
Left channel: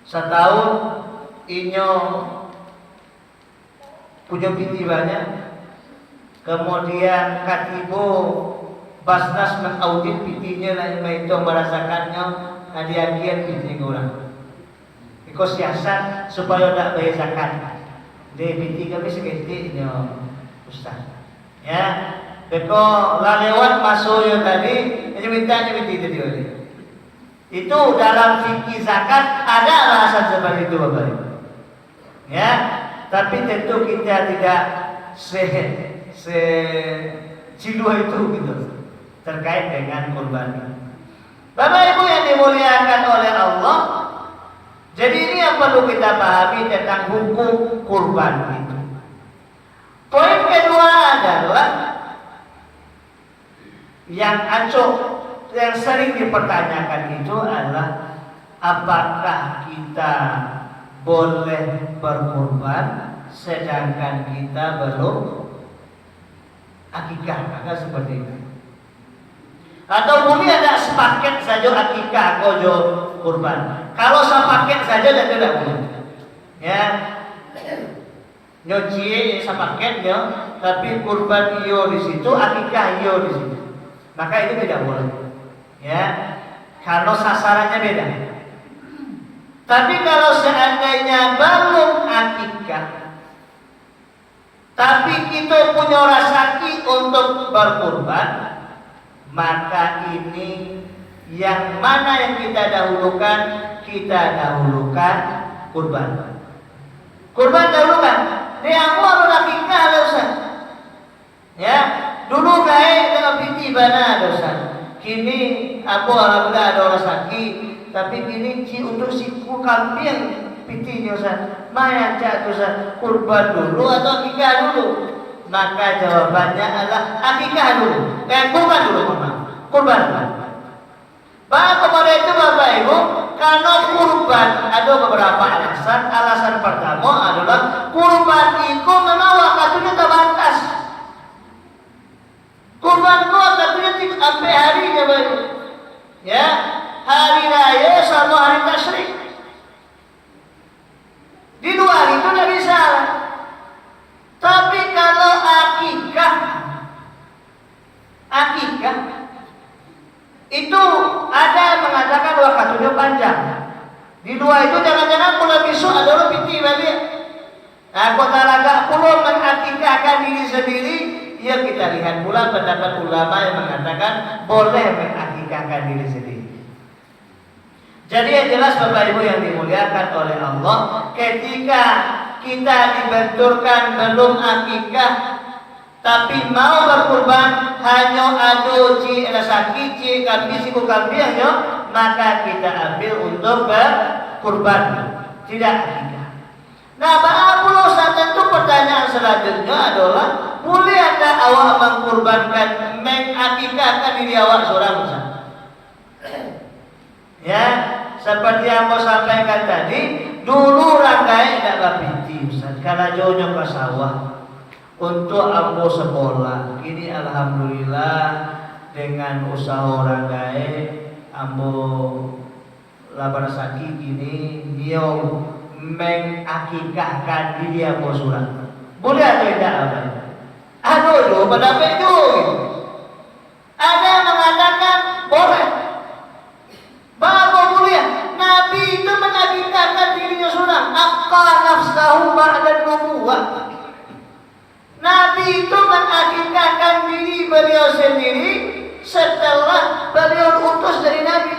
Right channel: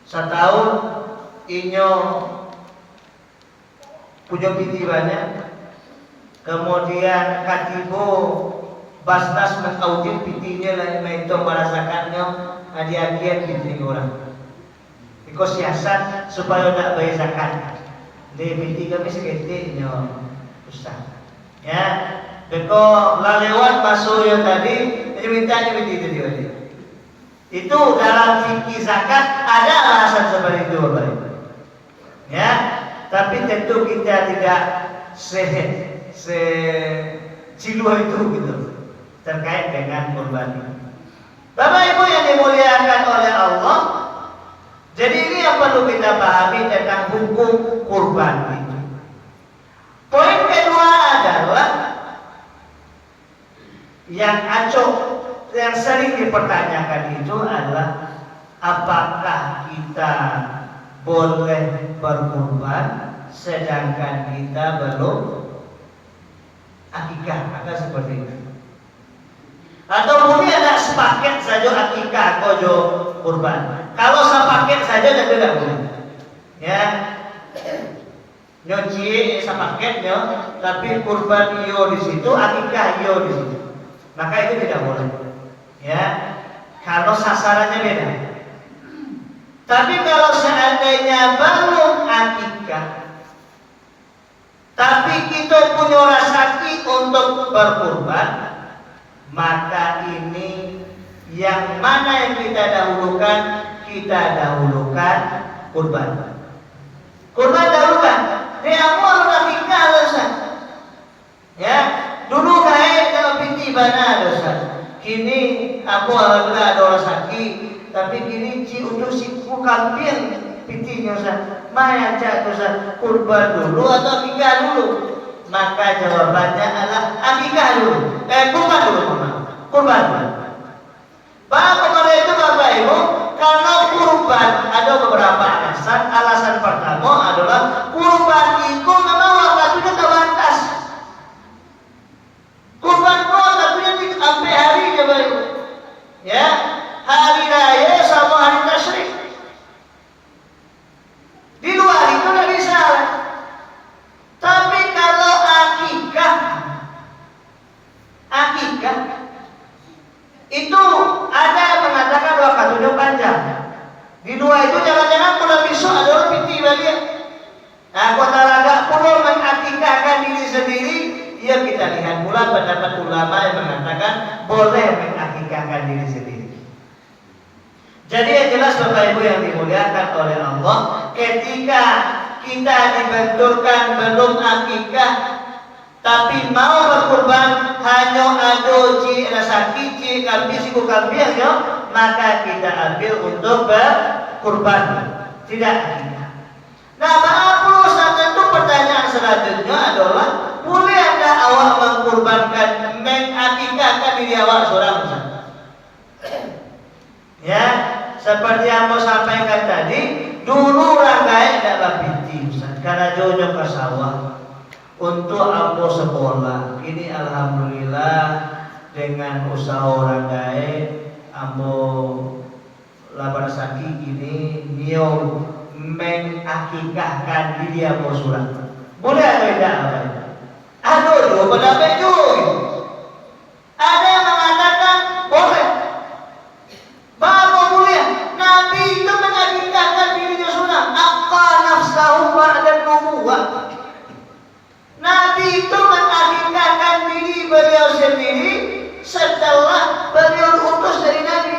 Setahun inyo punya binti banyak, kemudian katibo Basnas mengaudit bintinya dan itu merasakannya hadiah-hadiah binti orang. Iko siasat supaya tak bayar zakat. Di binti kami seketiknya Ustaz. Ya, beko lewat masuk yang tadi, jadi minta binti itu dia. Itu dalam fikih zakat ada alasan seperti itu Bapak Ibu. Ya, tapi tentu kita tidak cilu itu gitu terkait dengan kurban. Bapak Ibu yang dimuliakan oleh Allah, jadi ini yang perlu kita pahami tentang hukum kurban itu. Poin kedua adalah yang yang sering dipertanyakan itu adalah apakah kita boleh berkurban sedangkan kita belum akikah, ada seperti itu. Atau mungkin ada sepaket saja akikah kojo kurban. Kalau sepaket saja tidak boleh. Ya, nyoci sepaket yo, tapi kurban iyo di situ, akikah iyo di situ. Maka itu tidak boleh. Ya, kalau sasarannya beda. Tapi kalau seandainya belum akikah, tapi kita punya rezeki untuk berkurban, maka ini yang mana yang kita dahulukan? Kita dahulukan kurban. Kurban dahulukan. Dia awal akikah dosa. Ya, dulu kaya piti bana dosa. Kini aku alhamdulillah ada rezeki, tapi kini untuk si kambing piti dosa. Maya cak dosa kurban dulu atau akikah dulu? Maka jawabannya adalah akikah dulu. Kurban dulu, kurban dulu. Bahwa kepada itu Bapak Ibu, kalau kurban ada beberapa alasan. Alasan pertama adalah kurban itu memang waktunya terbatas. Kurban itu waktunya sampai hari Bapak Ibu. Ya, hari raya sama hari tasyrik. Di luar itu tidak bisa. Tapi kalau akikah itu ada yang mengatakan waktunya panjang. Di luar itu jangan-jangan pulau bisu adalah piti balik. Nah, kota laga pulau mengakikahkan diri sendiri. Ya kita lihat pula pendapat ulama yang mengatakan boleh mengakikahkan diri sendiri. Jadi yang jelas Bapak Ibu yang dimuliakan oleh Allah, ketika kita dibenturkan belum akikah tapi mau berkurban hanya ado ci rasaki ci kambing siku kambing yo, maka kita ambil untuk berkurban, tidak akikah. Nah, Pak tentu pertanyaan selanjutnya adalah bolehkah awak mengkurbankan mengakikahkan diri awak seorang Ustaz? Ya, seperti yang mau sampaikan tadi, dulu rangkai tidak berpiti Ustaz, karena jauh-jauh ke sawah. Untuk ambo sekolah, kini alhamdulillah dengan usaha orang gae ambo labar saki kini dia mengakikahkan diri ambo surat. Boleh atau tidak apa? Aduh, do pendapat juga. Ada yang mengatakan boleh. Bahwa boleh. Nabi itu mengakikahkan dirinya surat. Aqqa nafsahu ba'da nubuwah. Nabi itu mengakikahkan diri beliau sendiri setelah beliau diutus dari Nabi.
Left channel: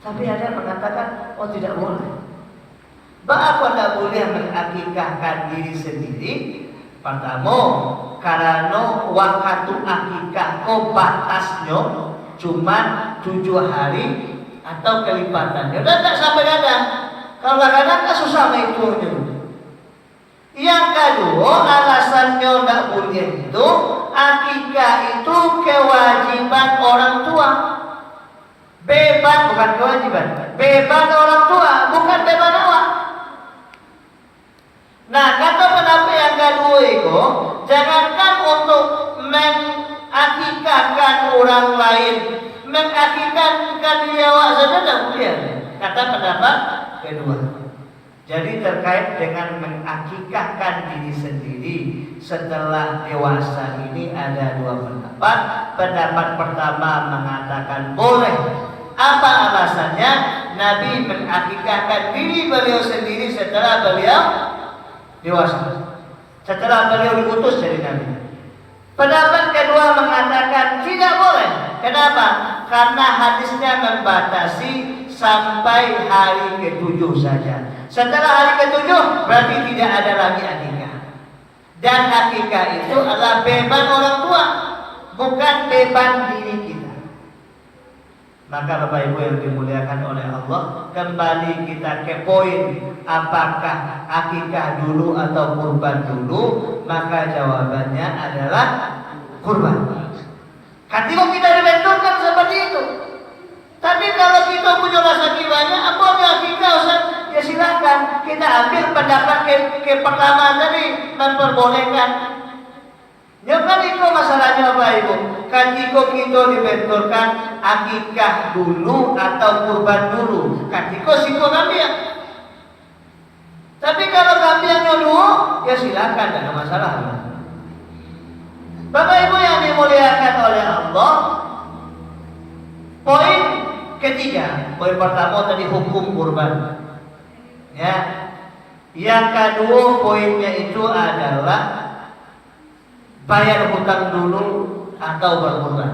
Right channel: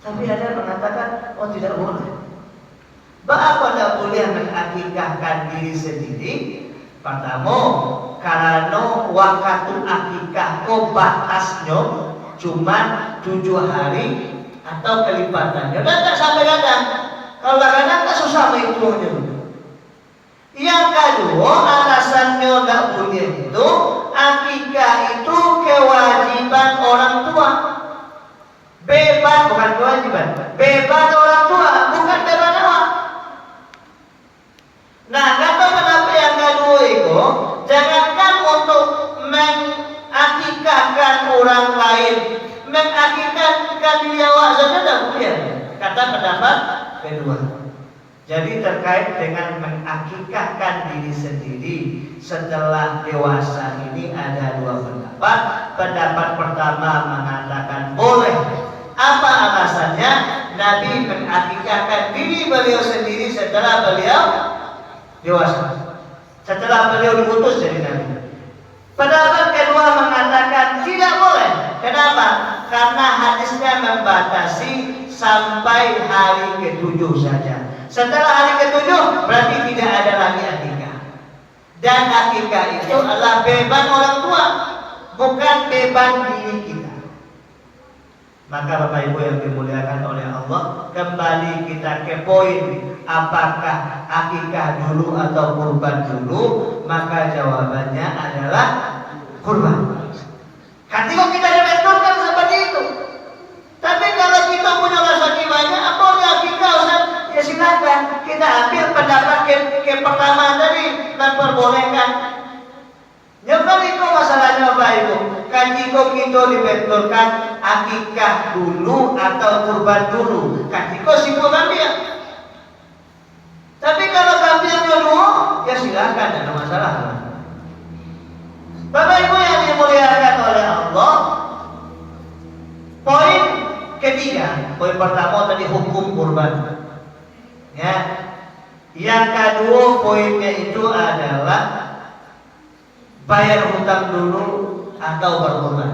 Tapi ada yang mengatakan, oh tidak boleh. Bahwa tidak boleh mengakikahkan diri sendiri. Pertama, karena waktu akikah batasnya cuma 7 hari atau kelipatannya. Dan tidak sampai kadang. Kalau kadang kan susah menghitungnya. Yang kedua, alasannya tidak boleh itu akikah itu kewajiban orang tua. Beban bukan kewajiban, beban orang tua, bukan beban awak. Nah, kata pendapat yang kedua itu, jangankan untuk mengakikahkan orang lain, mengakikahkan diri awak saja tidak boleh. Kata pendapat kedua. Jadi terkait dengan mengakikahkan diri sendiri setelah dewasa ini ada dua pendapat. Pendapat pertama mengatakan boleh. Apa alasannya? Nabi mengakikahkan diri beliau sendiri setelah beliau dewasa. Setelah beliau diutus jadi Nabi. Pendapat kedua mengatakan tidak boleh. Kenapa? Karena hadisnya membatasi sampai hari ke-7 saja. Setelah hari ke-7 berarti tidak ada lagi akikah. Dan akikah itu adalah beban orang tua, bukan beban diri kita. Maka Bapak Ibu yang dimuliakan oleh Allah, kembali kita ke poin, apakah akikah dulu atau kurban dulu? Maka jawabannya adalah kurban. Ketika kita dibenturkan seperti itu. Tapi kalau kita punya rasa banyak, apa akikah Ustaz? Ya silakan kita ambil pendapat ke pertama tadi, memperbolehkan. Ya kan itu masalahnya Bapak Ibu. Ketika kita dibenturkan akikah dulu atau kurban dulu, ketika simpul ambil. Tapi kalau ambil dulu, ya silakan, tidak ada masalah. Bapak Ibu yang dimuliakan oleh Allah, poin ketiga, poin pertama tadi hukum kurban. Ya. Yang kedua poinnya itu adalah bayar hutang dulu atau berkurban.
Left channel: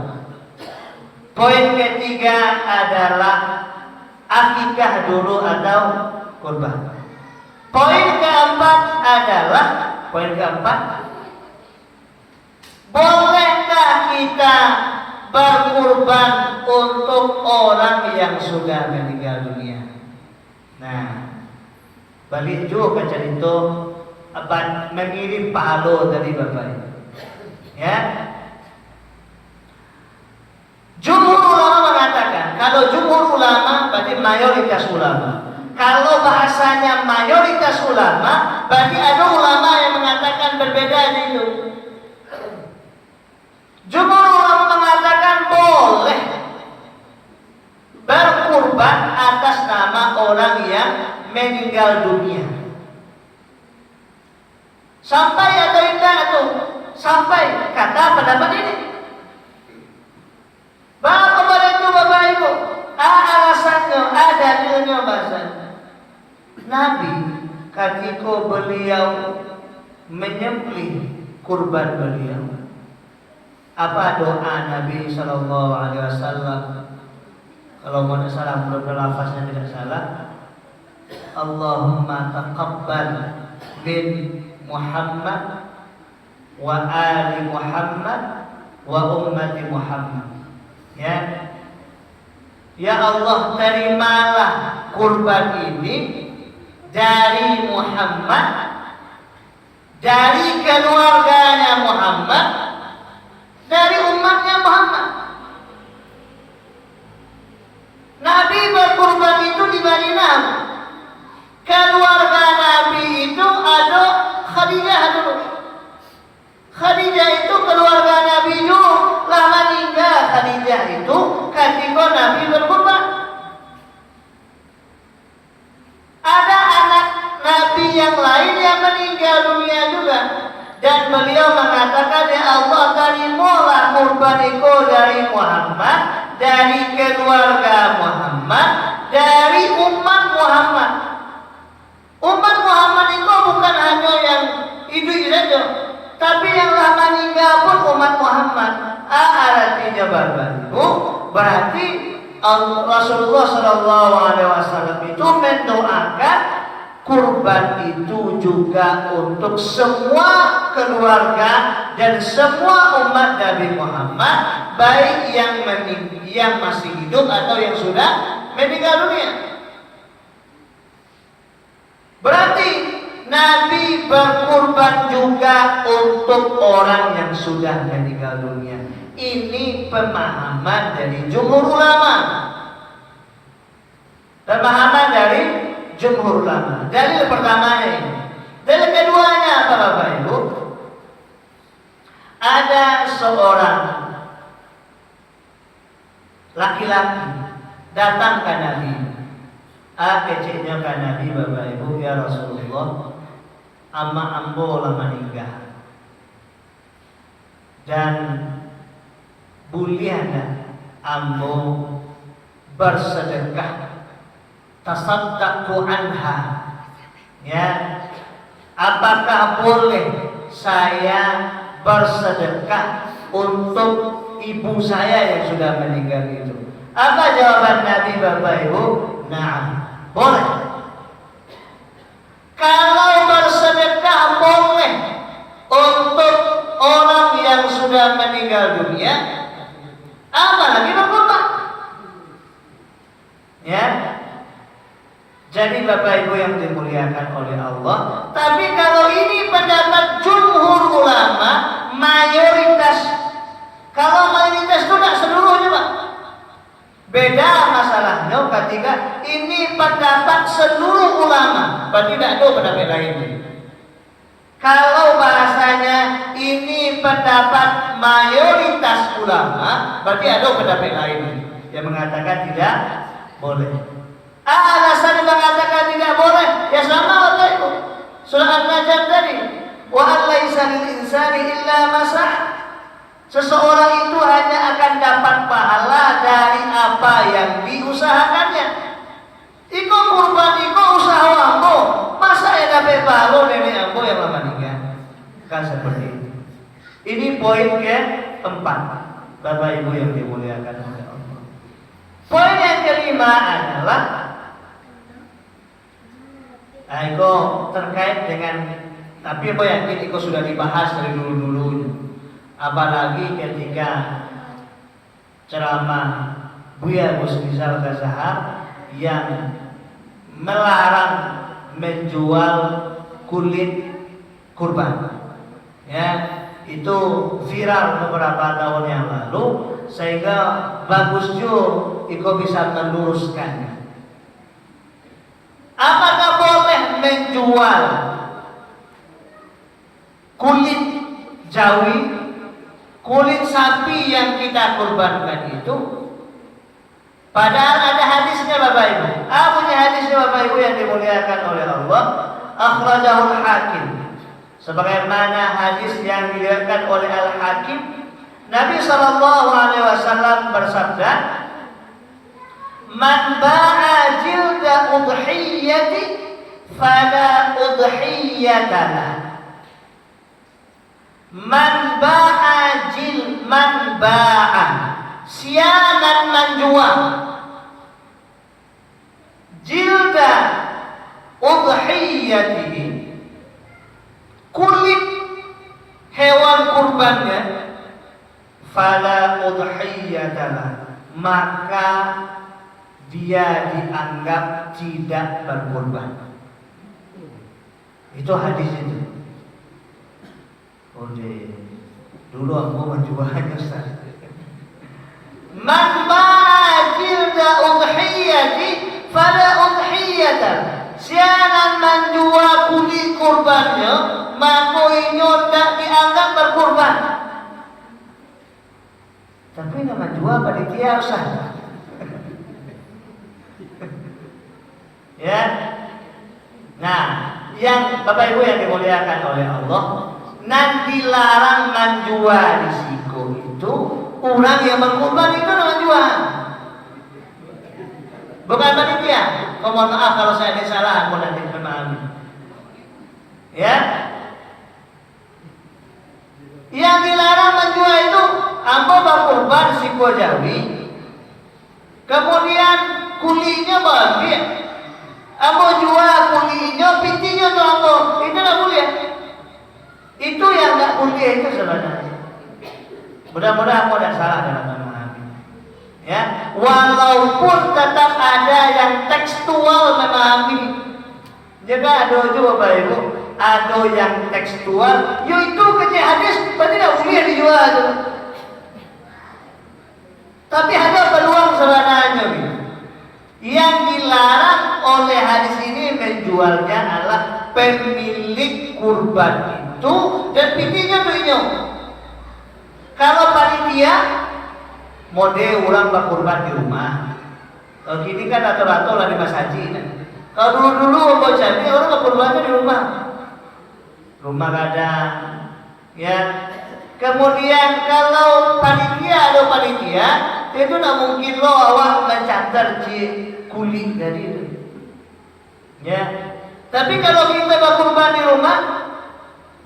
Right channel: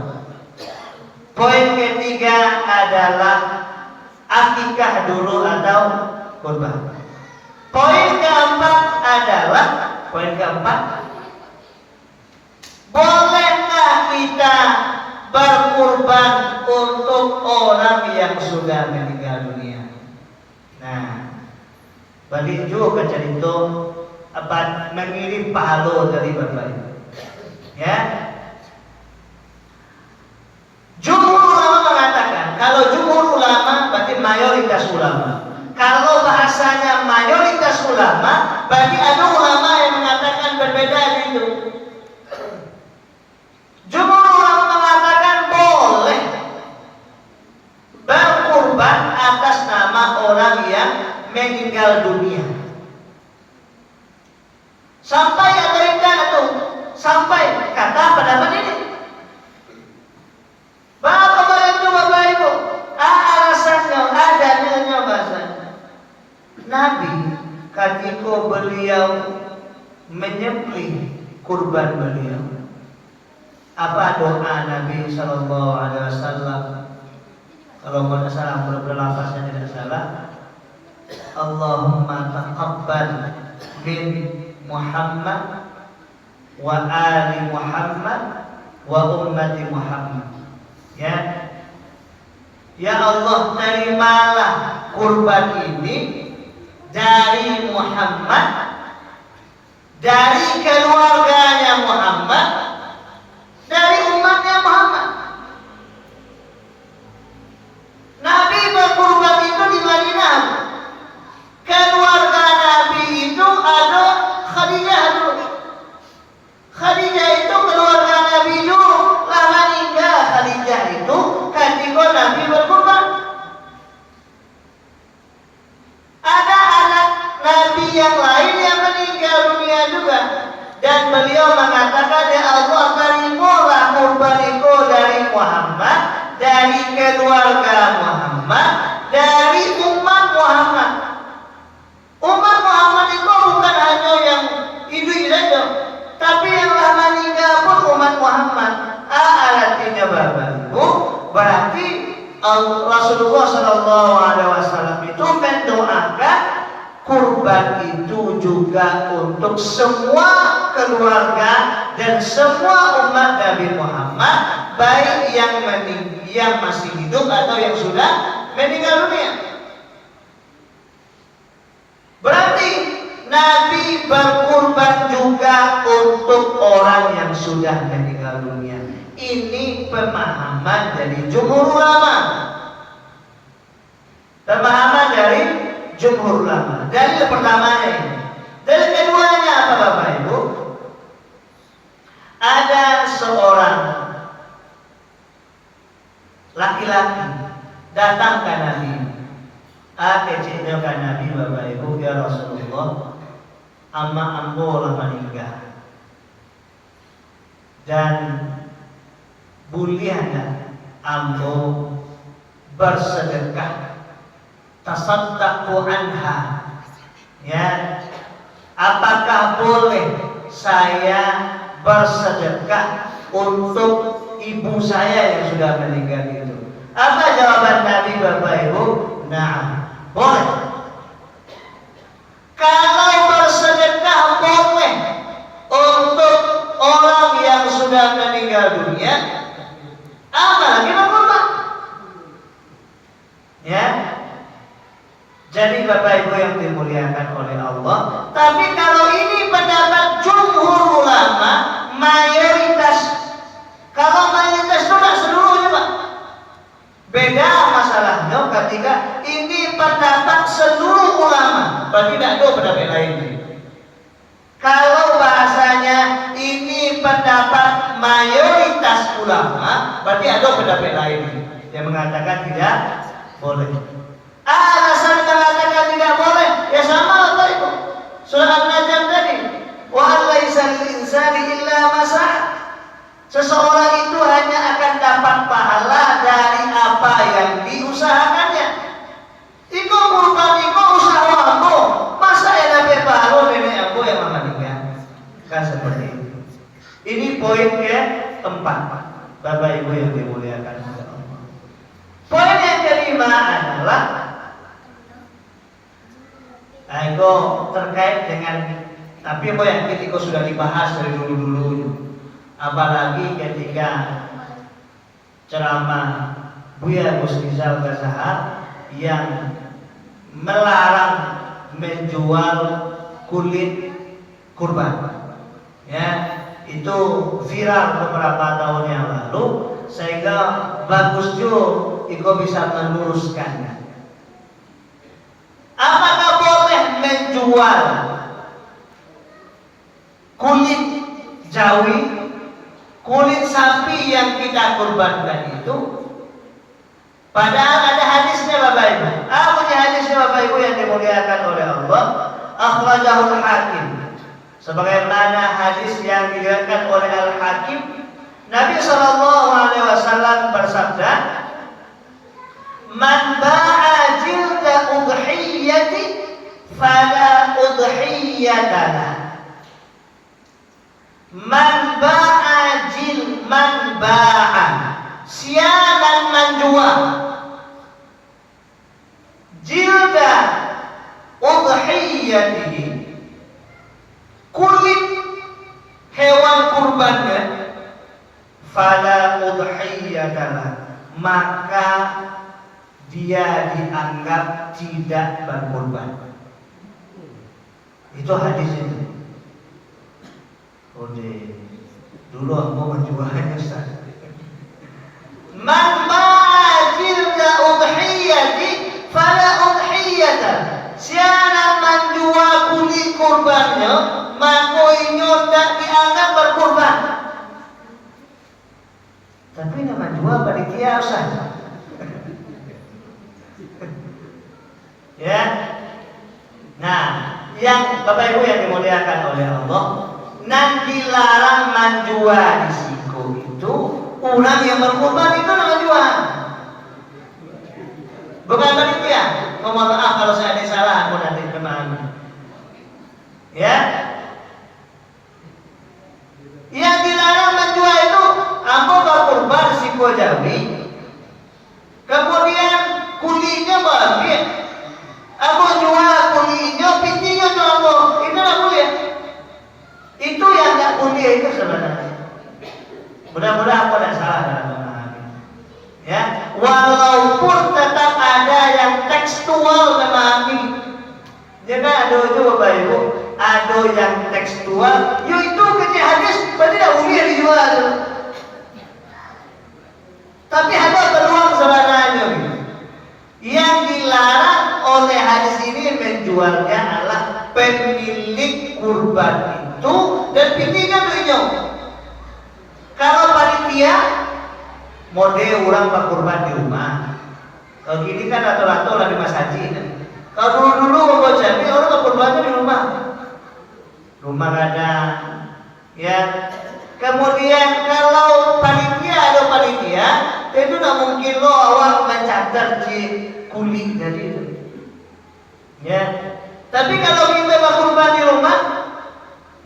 Poin ketiga adalah akikah dulu atau kurban. Poin keempat adalah bolehkah kita berkurban untuk orang yang sudah meninggal dunia? Nah, balik juga cerita mengirim pahala dari Bapak Ibu. Ya. Jumhur ulama mengatakan, kalau jumhur ulama berarti mayoritas ulama. Kalau bahasanya mayoritas ulama, berarti ada ulama yang mengatakan berbeda itu. Jumhur ulama mengatakan boleh berkurban atas nama orang yang meninggal dunia. Sampai ada tidak tuh, sampai kata pendapat ini. Bapak itu Bapak Ibu, alasannya ada dalilnya bahasa. Nabi ketika beliau menyembelih kurban beliau, apa doa Nabi Sallallahu Alaihi Wasallam? Kalau tidak salah, berlafaznya tidak salah. Allahumma taqabbal min Muhammad wa ali Muhammad wa ummati Muhammad. Ya Allah, terimalah kurban ini dari Muhammad, dari keluarganya Muhammad, dari umatnya Muhammad. Nabi berkurban itu di Madinah. Keluarga Nabi itu ada Khadijah dulu. Khadijah itu keluarga Nabi dulu. Lama meninggal Khadijah itu ketika Nabi berkurban. Ada anak Nabi yang lain yang meninggal dunia juga. Dan beliau mengatakan, ya Allah, terimalah kurbanku dari Muhammad, dari keluarga Muhammad, dari umat Muhammad. Umat Muhammad itu bukan hanya yang hidup saja, tapi yang lama meninggal pun umat Muhammad. Artinya Bapak Ibu, berarti Rasulullah Sallallahu Alaihi Wasallam itu mendoakan kurban itu juga untuk semua keluarga dan semua umat Nabi Muhammad, baik yang masih hidup atau yang sudah meninggal dunia. Berarti Nabi berkurban juga untuk orang yang sudah meninggal dunia. Ini pemahaman dari jumhur ulama. Pemahaman dari jumhur ulama. Dalil pertamanya ini. Dalil keduanya apa Bapak Ibu? Ada seorang laki-laki datang ke Nabi. Kecilnya ke Nabi, Bapak Ibu, ya Rasulullah, ama ambo lah meninggal. Dan buliana ambo bersedekah, tasaddaqu anha. Ya, apakah boleh saya bersedekah untuk ibu saya yang sudah meninggal itu. Apa jawaban Nabi Bapak Ibu? Nah, boleh. Kalau bersedekah boleh untuk orang yang sudah meninggal dunia, apalagi berkurban. Ya. Jadi Bapak Ibu yang dimuliakan oleh Allah, tapi kalau ini pendapat jumhur ulama, mayoritas. Kalau mayoritas itu nggak seluruhnya, Pak. Beda masalahnya ketika ini pendapat seluruh ulama, berarti tidak ada pendapat lain. Kalau bahasanya ini pendapat mayoritas ulama, berarti ada pendapat lain yang mengatakan tidak boleh. Alasan mengatakan tidak boleh, ya sama Bapak Ibu. Surah An-Najm tadi, wa laisa lil insani illa ma sa'a. Seseorang itu hanya akan dapat pahala dari apa yang diusahakannya. Iko kurban, iko usaha ambo. Masa ya dapat pahala nenek ambo yang meninggal? Kan seperti itu. Ini poin keempat, Bapak Ibu yang dimuliakan oleh Allah. Poin yang kelima adalah itu terkait dengan, tapi apa yang kita sudah dibahas dari dulu-dulu. Apalagi ketika ceramah Buya Musrizal Ghazahar yang melarang menjual kulit kurban, ya itu viral beberapa tahun yang lalu, sehingga bagus juga Iko bisa meluruskannya. Apakah boleh menjual kulit jawi, kulit sapi yang kita kurbankan itu? Padahal ada hadisnya Bapak Ibu. Apa nih hadisnya Bapak Ibu yang dimuliakan oleh Allah? Akhrajahul Hakim. Sebagaimana hadis yang diriwayatkan oleh Al-Hakim, Nabi SAW bersabda, "Man ba'a jilda udhiyati fala udhiyatana." Man ba'a sianan menjual jilda udhiyatihi, kulit hewan kurbannya, fala udhiyatana, maka dia dianggap tidak berkurban. Itu hadis itu. Dulu aku menjualnya Ustaz. Man ba'jilda udhiyati fala udhiyata. Sianan menjual kulit kurbannya, maka inyo tak dianggap berkurban. Tapi nama jual panitia Ustaz. Ya. Nah, yang Bapak Ibu yang dimuliakan oleh Allah, nanti larang menjual risiko itu orang yang berkurban itu menjual. Bukan panitia. Mohon maaf kalau saya ada salah, aku nanti memahami. Ya. Yang dilarang menjual itu ambo berkurban risiko jawi. Kemudian kulitnya ambil. Ambo jual kulitnya, pitinya ambo. Itu tidak boleh. Itu yang tidak boleh itu sebenarnya. Mudah-mudahan aku tidak salah dalam memahami. Ya, walaupun tetap ada yang tekstual memahami. Jadi ada juga Bapak Ibu, ada yang tekstual. Yaitu kecil hadis, berarti tidak boleh dijual. Tapi ada peluang sebenarnya. Yang dilarang oleh hadis ini menjualnya adalah pemilik kurban itu dan pitinya itu. Kalau panitia model orang berkurban di rumah. Kalau gini kan rata-rata orang di Mas Haji. Kalau dulu mau jadi orang berkurbannya di rumah. Rumah ada, ya. Kemudian kalau panitia ada panitia, itu tidak mungkin lo awak mencatat di kulit dari itu. Ya. Tapi kalau kita berkurban di rumah,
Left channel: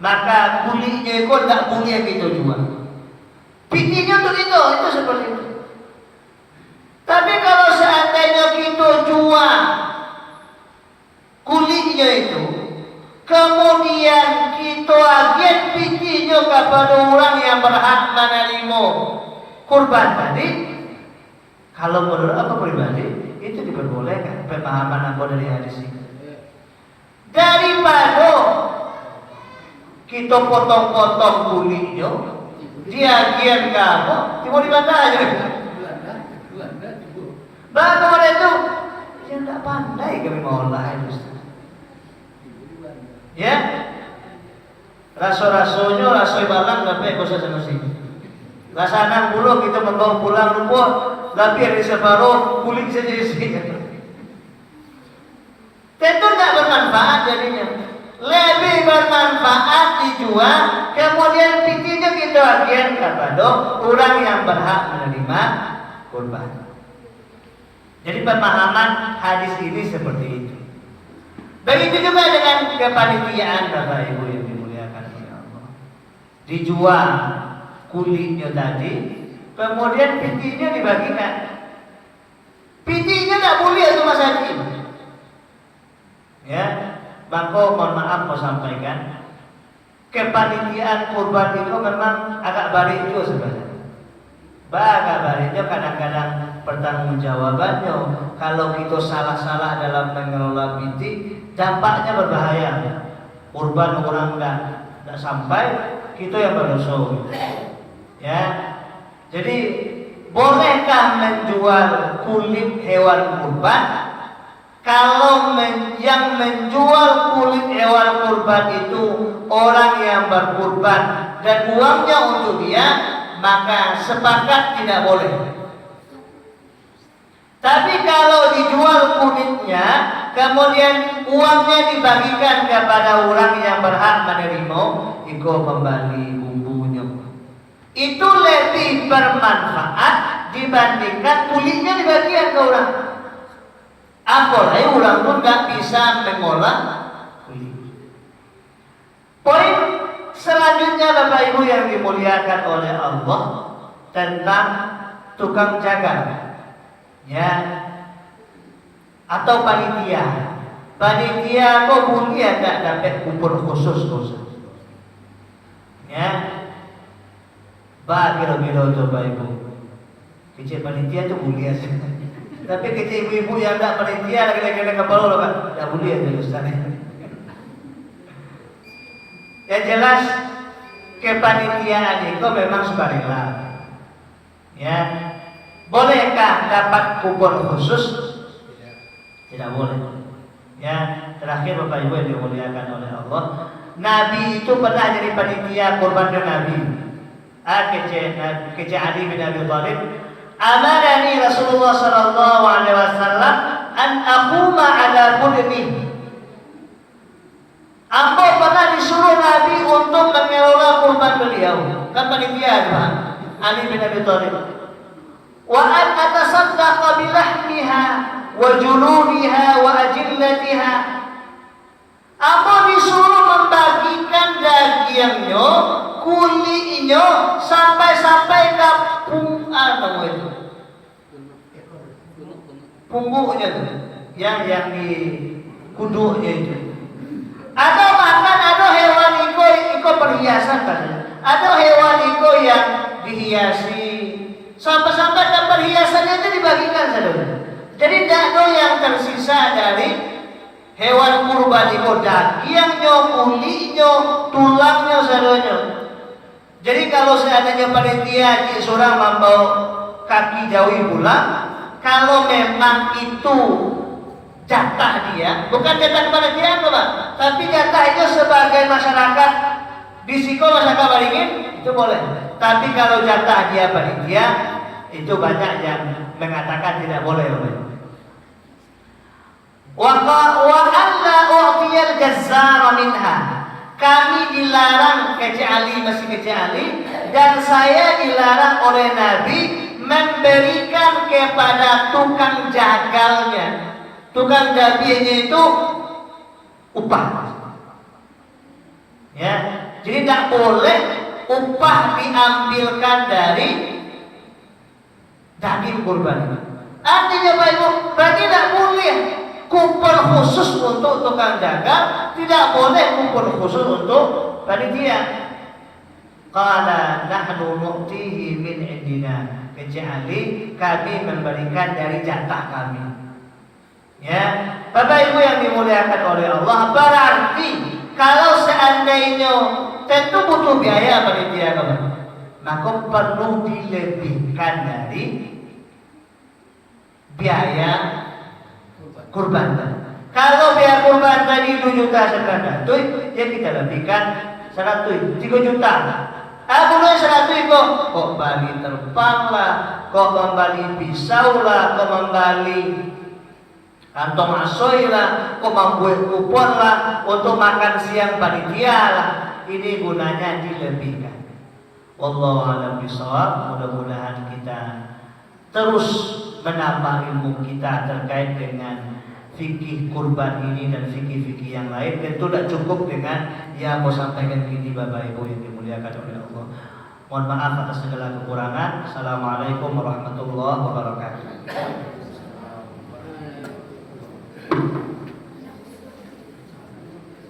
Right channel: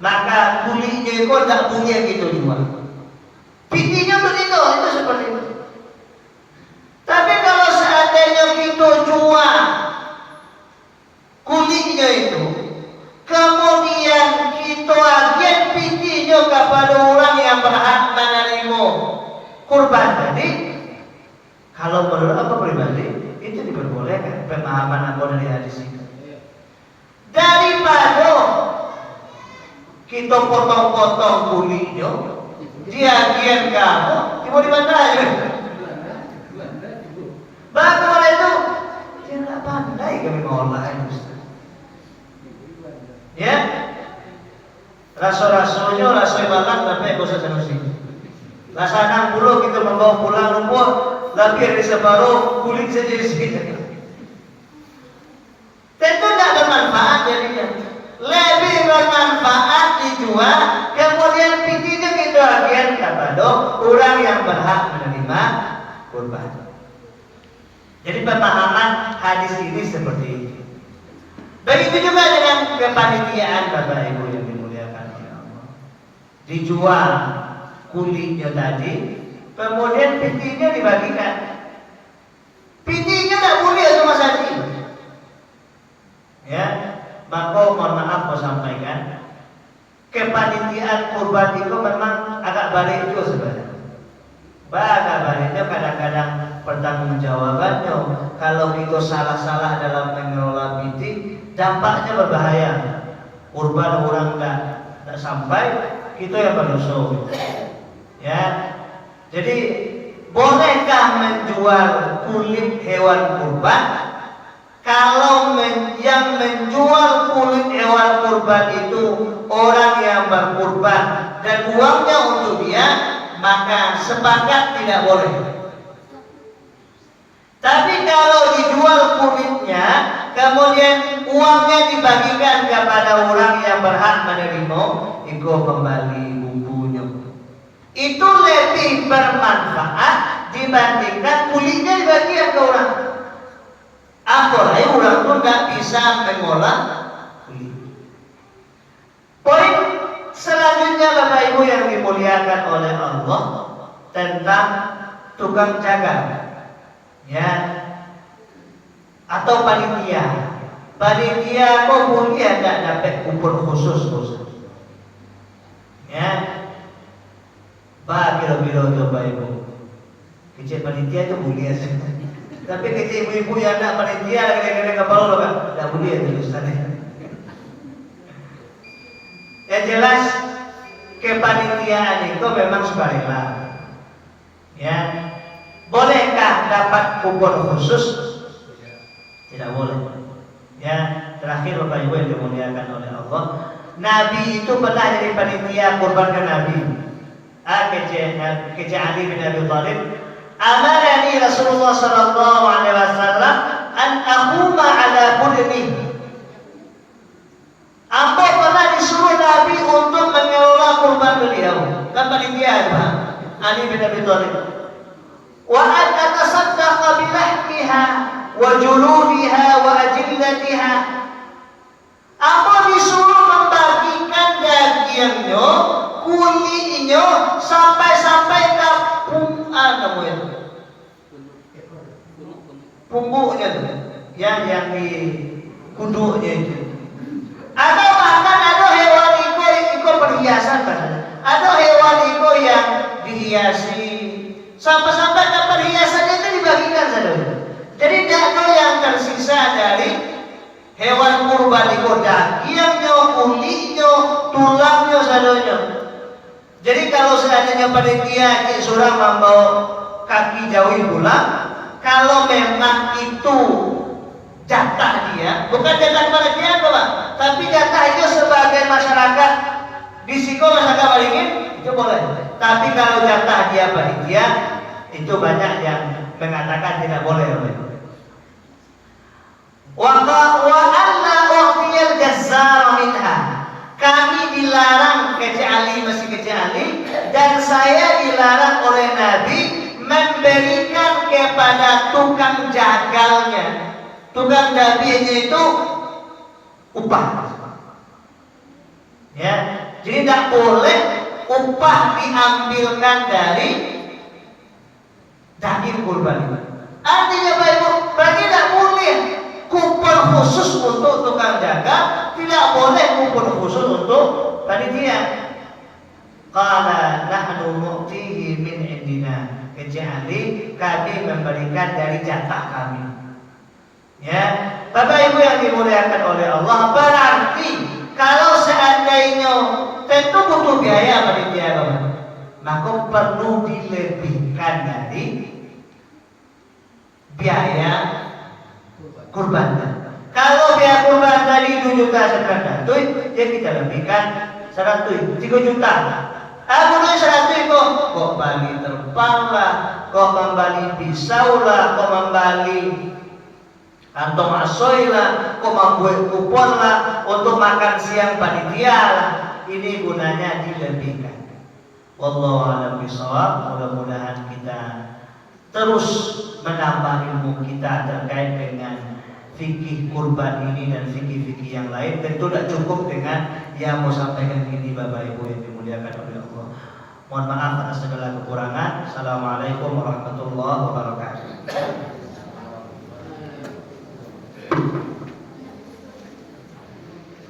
maka kulitnya itu tidak boleh kita jual. Pitinya untuk itu seperti itu. Tapi kalau seandainya kita jual kulitnya itu, kemudian kita agen pitinya kepada orang yang berhak menerima kurban tadi, kalau menurut aku pribadi itu diperbolehkan, pemahaman aku dari hadis itu. Daripada kita potong-potong kulitnya, diagen kamu, mau di mana aja? Bagaimana itu? Dia tidak pandai kami mengolah itu. Ya, raso-rasonya raso makan tapi aku sama sini. Rasakan pulau kita membawa pulang rumput, tapi ada separuh kulit saja di sini. Tentu tidak bermanfaat jadinya. Lebih bermanfaat dijual, kemudian pitinya kita agen kepada orang yang berhak menerima kurban. Jadi pemahaman hadis ini seperti itu. Begitu juga dengan kepanitiaan Bapak Ibu yang dimuliakan oleh Allah. Dijual kulitnya tadi, kemudian pitinya dibagikan. Pitinya tidak boleh cuma saja. Ya, maka mohon maaf mau sampaikan, kepanitiaan kurban itu memang agak balik itu sebenarnya. Agak baliknya kadang-kadang pertanggungjawabannya kalau kita salah-salah dalam mengelola piti, dampaknya berbahaya. Kurban orang tidak sampai, kita yang berdosa. Ya, jadi bolehkah menjual kulit hewan kurban? Kalau yang menjual kulit hewan kurban itu orang yang berkurban dan uangnya untuk dia, maka sepakat tidak boleh. Tapi kalau dijual kulitnya, kemudian uangnya dibagikan kepada orang yang berhak menerima, itu kembali bumbunya. Itu lebih bermanfaat dibandingkan kulitnya dibagikan ke orang. Apalagi orang pun nggak bisa mengolah kulit. Poin selanjutnya Bapak Ibu yang dimuliakan oleh Allah tentang tukang jaga, ya, atau panitia. Panitia kok mulia tidak dapat kupon khusus, ya. Biro-biro Bapak Ibu, kecil panitia itu mulia sih. Tapi kecil ibu-ibu yang tidak panitia lagi kepala loh kan, tidak mulia itu Ustaz. Yang jelas kepanitiaan itu memang sukarela. Ya, bolehkah dapat kupon khusus? Tidak boleh. Ya, terakhir Bapak Ibu yang dimuliakan oleh Allah, Nabi itu pernah jadi panitia kurbankan Nabi. Kece Ali bin Abi Thalib, amarani Rasulullah sallallahu alaihi wasallam an aquma ala budni. Apa pernah disuruh Nabi untuk mengelola kurban beliau? Kan panitia Pak Ali bin Abi Thalib. Wa an atasaddaqa bi lahmiha wa juludiha wa ajillatiha. Apa disuruh membagikan dagingnya, kulitnya sampai ke punggungnya itu, yang di kuduknya itu. Atau bahkan ada hewan iko perhiasan kan? Ada hewan iko yang dihiasi sampai perhiasan itu dibagikan saja. Jadi tidak ada yang tersisa dari hewan kurban iko dagingnya, kulitnya, tulangnya saja. Jadi kalau seandainya panitia seorang membawa kaki jauhi pulang, kalau memang itu jatah dia, bukan jatah panitia Pak, tapi jatah itu sebagai masyarakat di siko masyarakat Waringin itu boleh. Tapi kalau jatah dia panitia, itu banyak yang mengatakan tidak boleh. Wa alla u'tiyal jazzara minha. Kami dilarang kecuali masih kecuali, dan saya dilarang oleh Nabi memberikan kepada tukang jagalnya. Tukang dabinya itu upah. Ya, jadi tidak boleh upah diambilkan dari daging kurban itu. Artinya Bapak Ibu, berarti tidak boleh kupon khusus untuk tukang dagang, tidak boleh kupon khusus untuk panitia. Qala nahnu nu'tihi min indina, kecuali kami memberikan dari jatah kami. Ya, Bapak Ibu yang dimuliakan oleh Allah, berarti kalau seandainya tentu butuh biaya panitia Bapak, maka perlu dilebihkan dari biaya kurban. Kalau biaya kurban tadi 2 juta sekarang, ya kita lebihkan 100, 3 juta. Mulai 100 kok bali terbang lah, kok membali pisau lah, kok membali kantong asoy lah, kok membuat kupon lah untuk makan siang panitia lah. Ini gunanya dilebihkan. Wallahu a'lam bishawab. Mudah-mudahan kita terus menambah ilmu kita terkait dengan fikih kurban ini dan fikih-fikih yang lain. Tentu tidak cukup dengan yang mau sampaikan ini Bapak Ibu yang dimuliakan oleh Allah. Mohon maaf atas segala kekurangan. Assalamualaikum warahmatullahi wabarakatuh.